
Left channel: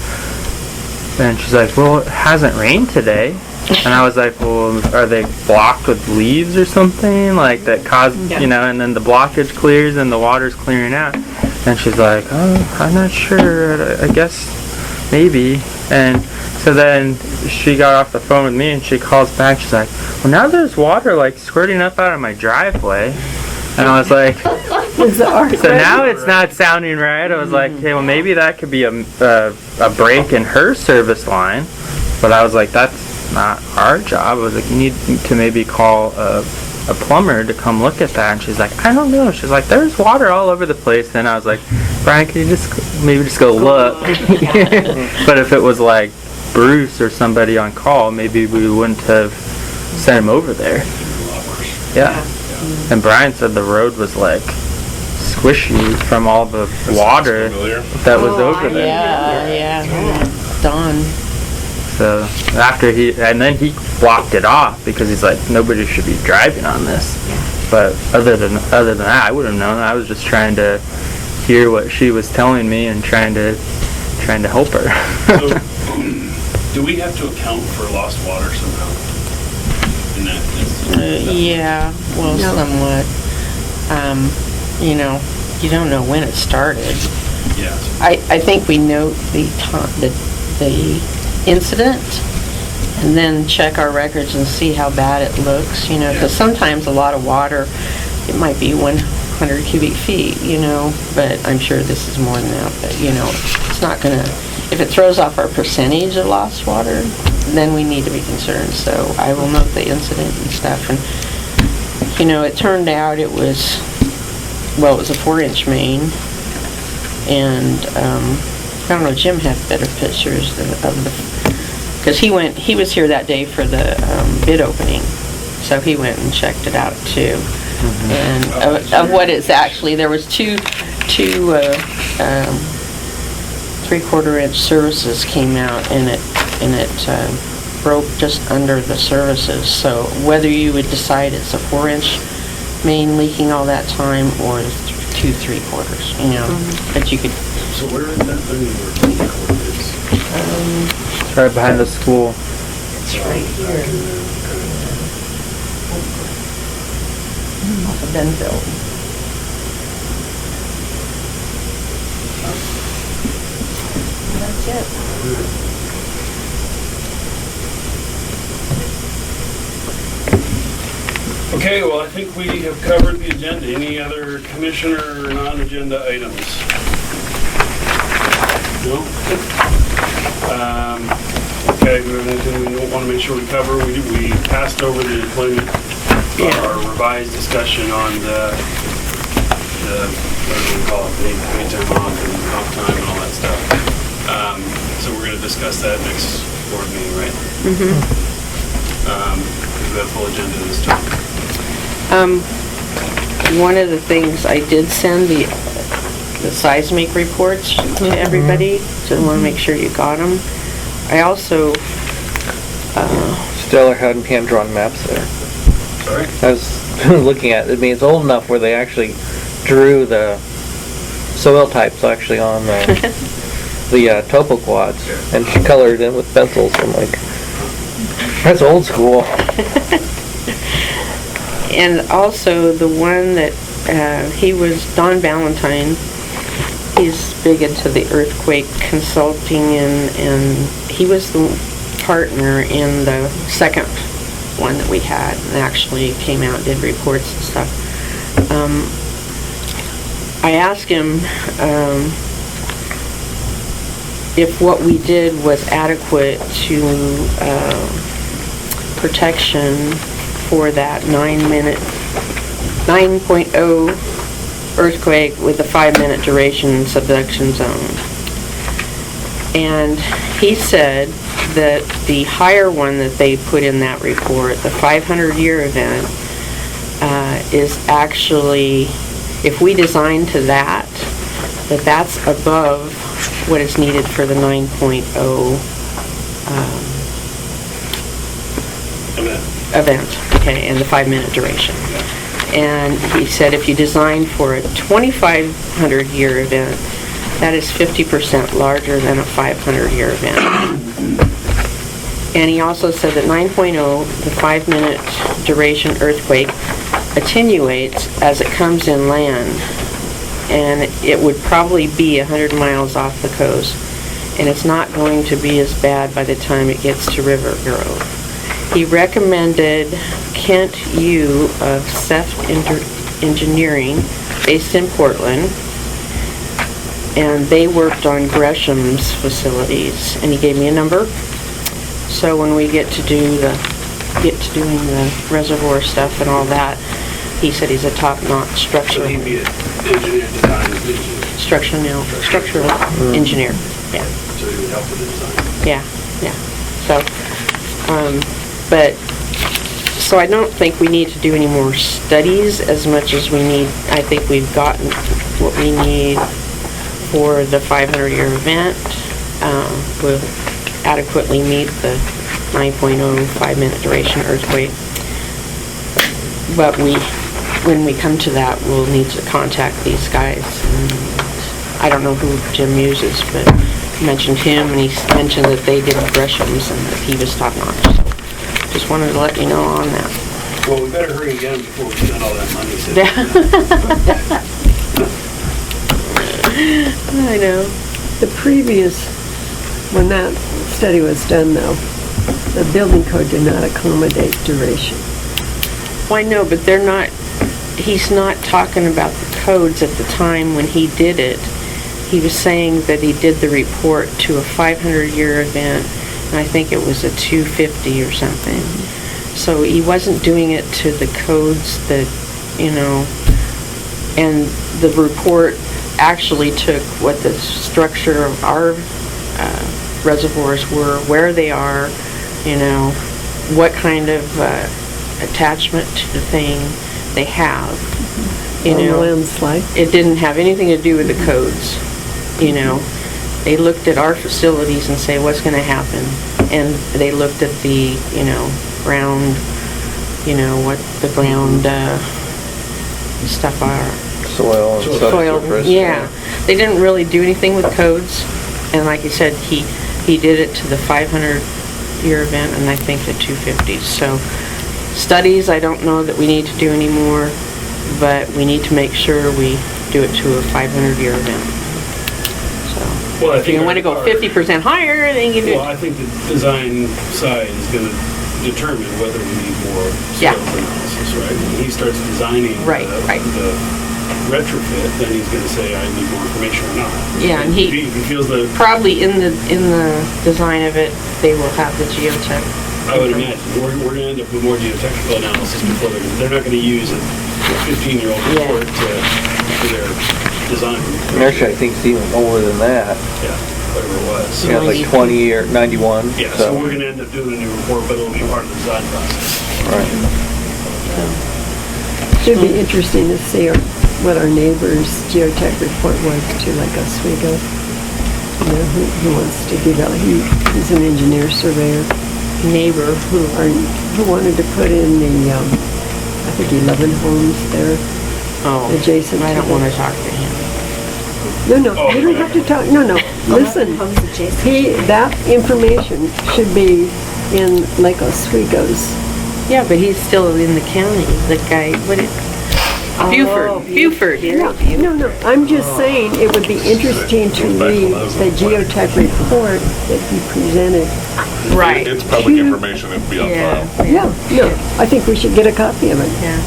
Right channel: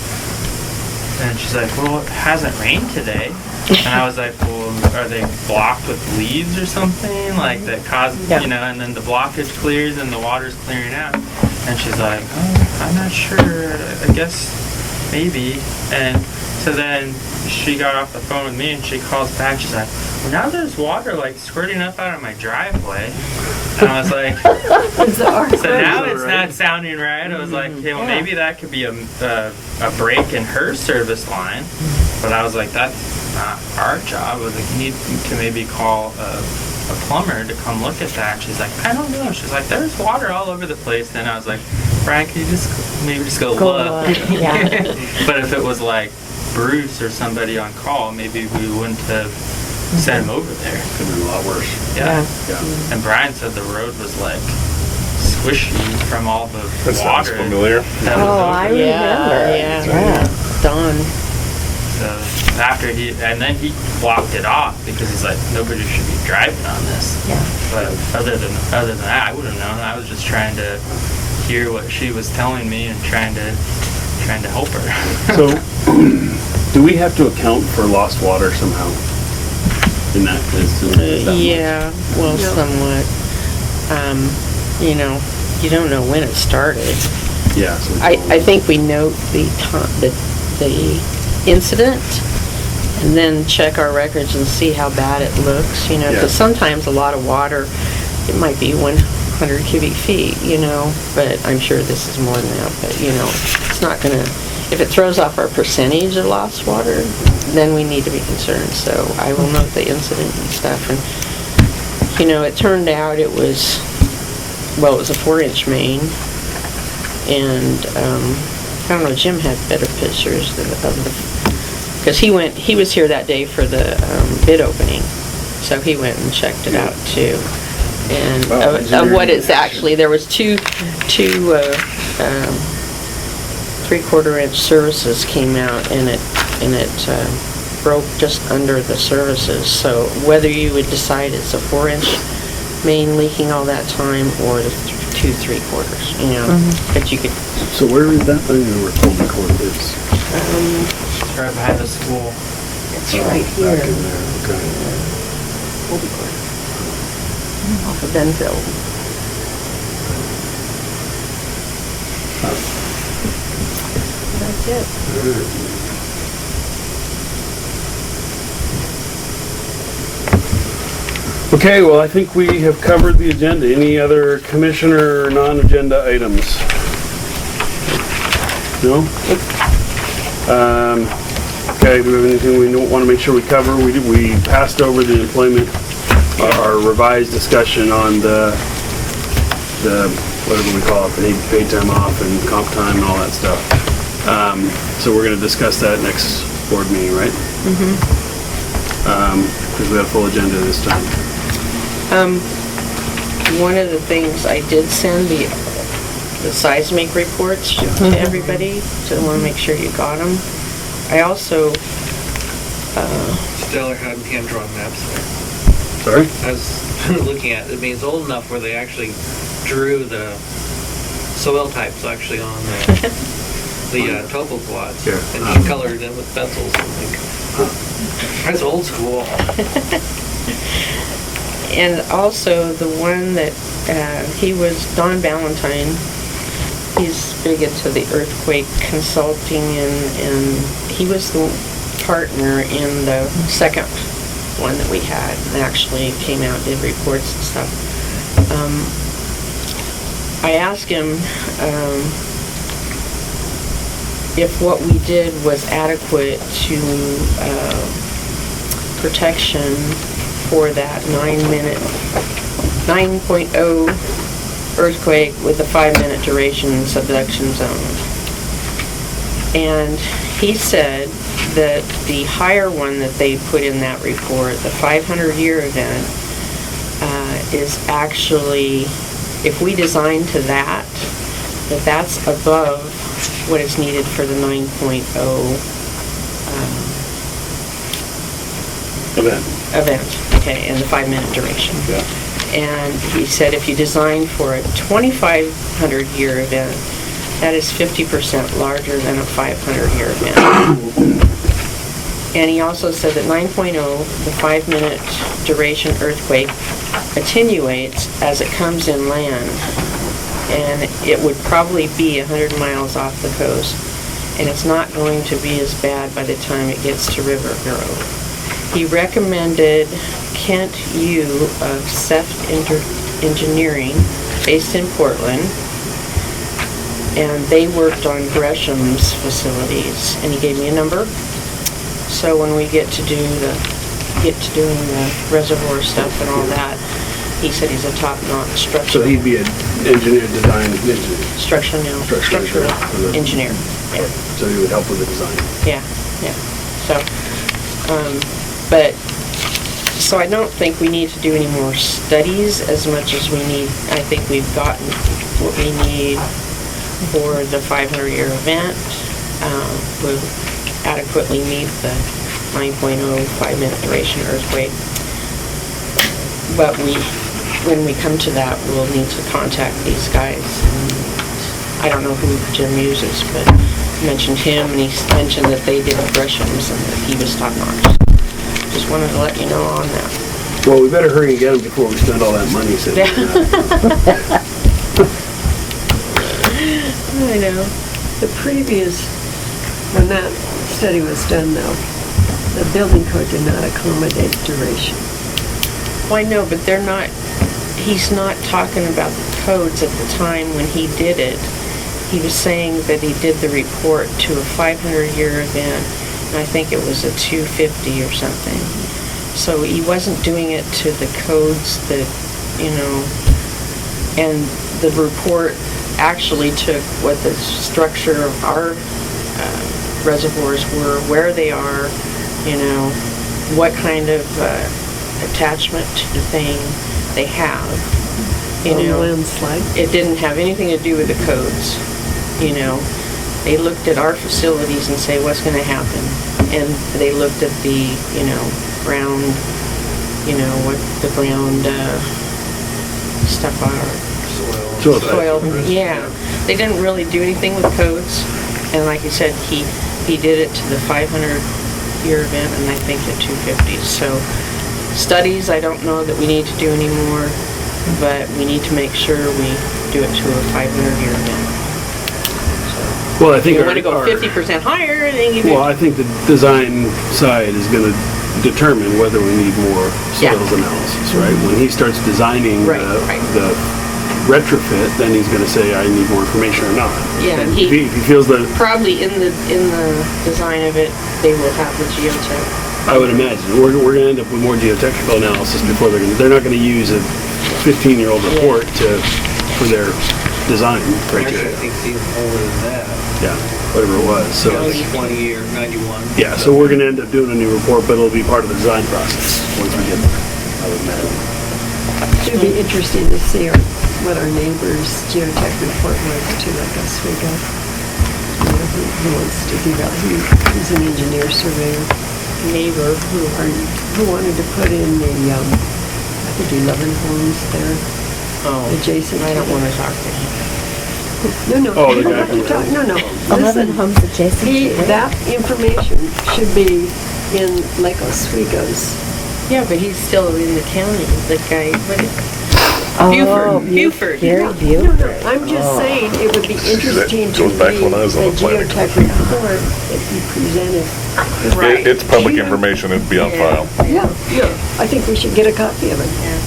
And she's like, well, it hasn't rained today. And I was like, well, are they blocked with leaves or something? Like that cause, and then the blockage clears and the water's clearing out. And she's like, oh, I'm not sure. I guess maybe. And so then she got off the phone with me and she called back. She's like, well, now there's water like squirting up out of my driveway. And I was like, so now it's not sounding right. I was like, okay, well, maybe that could be a break in her service line. But I was like, that's not our job. I was like, you need to maybe call a plumber to come look at that. And she's like, I don't know. She's like, there's water all over the place. Then I was like, Brian, can you just go look? But if it was like Bruce or somebody on call, maybe we wouldn't have sent him over there. It'd be a lot worse. Yeah. And Brian said the road was like squishy from all the water that was over there. Yeah. Dawn. So after then he blocked it off because he's like, nobody should be driving on this. Yeah. But other than that, I would have known. I was just trying to hear what she was telling me and trying to help her. So, do we have to account for lost water somehow? In that instance? Yeah, well, somewhat. You don't know when it started. Yeah. So I think we note the incident, and then check our records and see how bad it looks, because sometimes a lot of water, it might be 100 cubic feet, but I'm sure this is more than that, but, it's not gonna, if it throws off our percentage of lost water, then we need to be concerned, so I will note the incident and stuff, and, it turned out it was a 4-inch main, and, I don't know, Jim had better pictures of the, because he was here that day for the bid opening, so he went and checked it out too. And of what it's actually, there was two 3/4-inch services came out, and it broke just under the services. So whether you would decide it's a 4-inch main leaking all that time or the 2 3/4, but you could. So where is that thing we were told to record this? It's right behind the school. It's right here. Off of Benville. That's it. Okay, well, I think we have covered the agenda. Any other commissioner non-agenda items? No? Okay, we have anything we don't want to make sure we cover? We passed over the employment, our revised discussion on the whatever we call it, the paid time off and comp time and all that stuff. So we're going to discuss that next board meeting, right? Because we have a full agenda this time. One of the things I did send the seismic reports to everybody, so I want to make sure you got them. I also, Stellar had hand-drawn maps there. Sorry? I was looking at it. I mean, it's old enough where they actually drew the soil types actually on the topo quads and colored in with pencils. I'm like, that's old school. and also the one that he was Don Valentine. He's big into the earthquake consulting, and he was the partner in the second one that we had, and actually came out and did reports and stuff. I asked him if what we did was adequate to protection for that 9.0 earthquake with a 5-minute duration subduction zone. And he said that the higher one that they put in that report, the 500-year event, is actually, if we design to that, that's above what is needed for the 9.0 event, okay, and the 5-minute duration. Yeah. And he said if you design for a 2,500-year event, that is 50% larger than a 500-year event. And he also said that 9.0, the 5-minute duration earthquake, attenuates as it comes inland, and it would probably be 100 miles off the coast, and it's not going to be as bad by the time it gets to Rivergrove. He recommended Kent Yu of Seth Engineering, based in Portland, and they worked on Gresham's facilities, and he gave me a number. So when we get to doing the reservoir stuff and all that, he said he's a top-notch structural. So he'd be an engineer, design engineer. Structural Engineer. Yeah. So he would help with the design. Yeah. So, so I don't think we need to do any more studies as much as we need. I think we've gotten what we need for the 500-year event. We'll adequately meet the 9.0 5-minute duration earthquake. But when we come to that, we'll need to contact these guys. And I don't know who Jim uses, but I mentioned him, and he mentioned that they did Gresham's and that he was top-notch. Just wanted to let you know on that. Well, we better hurry again before we spend all that money. I know. The previous, when that study was done though, the building code did not accommodate duration. Well, I know, but he's not talking about the codes at the time when he did it. He was saying that he did the report to a 500-year event, and I think it was a 250 or something. So he wasn't doing it to the codes that, and the report actually took what the structure of our reservoirs were, where they are, what kind of attachment to the thing they have. Landslide. It didn't have anything to do with the codes. They looked at our facilities and say what's going to happen, and they looked at the ground, what the ground stuff are. Soil. Yeah, they didn't really do anything with codes, and like you said, he did it to the 500-year event, and I think the 250s. So studies, I don't know that we need to do anymore, but we need to make sure we do it to a 500-year event. So, well, I think if you want to go 50% higher, then you do. Well, I think the design side is going to determine whether we need more Yeah. soils analysis, right? When he starts designing Right, right. the retrofit, then he's gonna say, I need more information or not. Yeah, and If he feels that, Probably in the design of it, they will have the geotech. I would imagine, we're gonna end up with more geotechnical analysis before they're not gonna use a 15-year-old report for their design. Actually, I think it's even more than that. Yeah, whatever it was. Yeah, So, like 20 or 91. yeah, so we're gonna end up doing a new report, but it'll be part of the design process. It'd be interesting to see what our neighbor's geotech report was to like Oswego. You know, who wants to develop, he's an engineer surveyor. Neighbor Who wanted to put in the, I think 11 homes there adjacent to I don't the- want to talk to him. No, you don't have to talk, no. 11 Listen, homes adjacent. that information should be in Lake Oswego's. Yeah, but he's still in the county, the guy, Oh, Buford. Gary No, Buford. I'm just saying, it would be interesting to Goes back read when I was on the the planning geotech report that he presented. Right. It's public information, it'd be on Yeah. file. Yeah, I think we should get a copy of it. Yeah.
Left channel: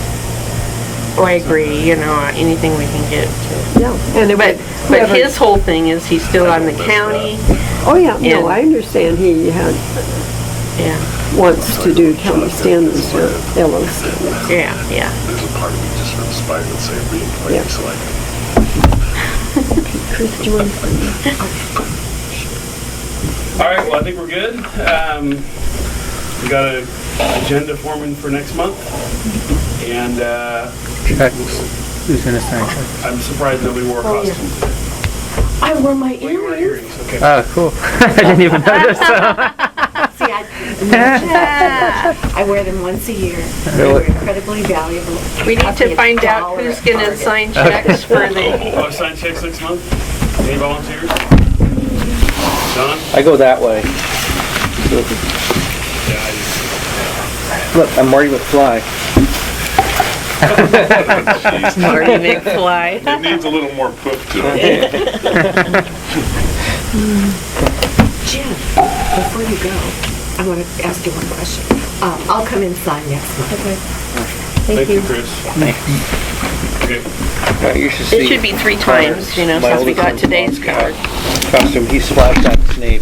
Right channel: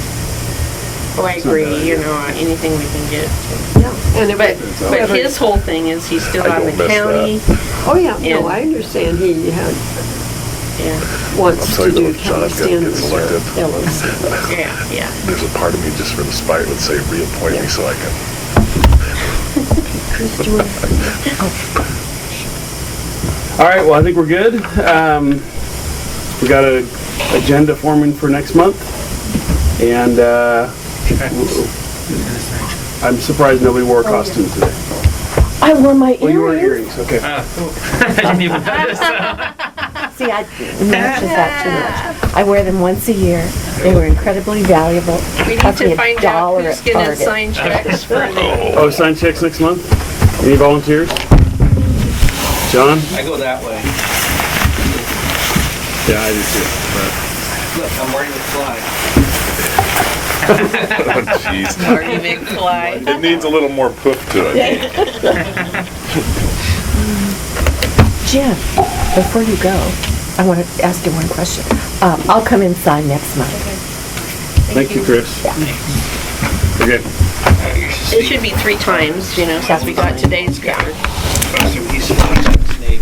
Oh, I agree, you know, anything we can get to. Yeah, and it But whoever- his whole thing is he's still I on the don't miss county. Oh, yeah, no, and- I understand he Yeah, wants to do county John, standards it's or like LOC. yeah. There's a part of me just from spite would say reappoint Yeah. me so I can. Chris, do you want to? All right, well, I think we're good. We got an agenda forming for next month, and Who's gonna sign it? I'm surprised nobody wore a costume today. I wore my Well, you wore earrings. earrings, okay. Oh, cool. I didn't even notice. See, I mentioned that too much. I wear them once a year. They were incredibly valuable. We need Cost me to find out $1 who's at gonna Target. sign checks for the, Oh, sign checks next month? Any volunteers? John? I go that way. Yeah, I do too. Look, I'm Marty McFly. Oh, jeez. Marty McFly. It needs a little more poof to it. Jim, before you go, I want to ask you one question. I'll come and sign next month. Thank you, Chris. Okay. You should It see should be 3 times, you know, since we got today's card. costume. He splashed out his name.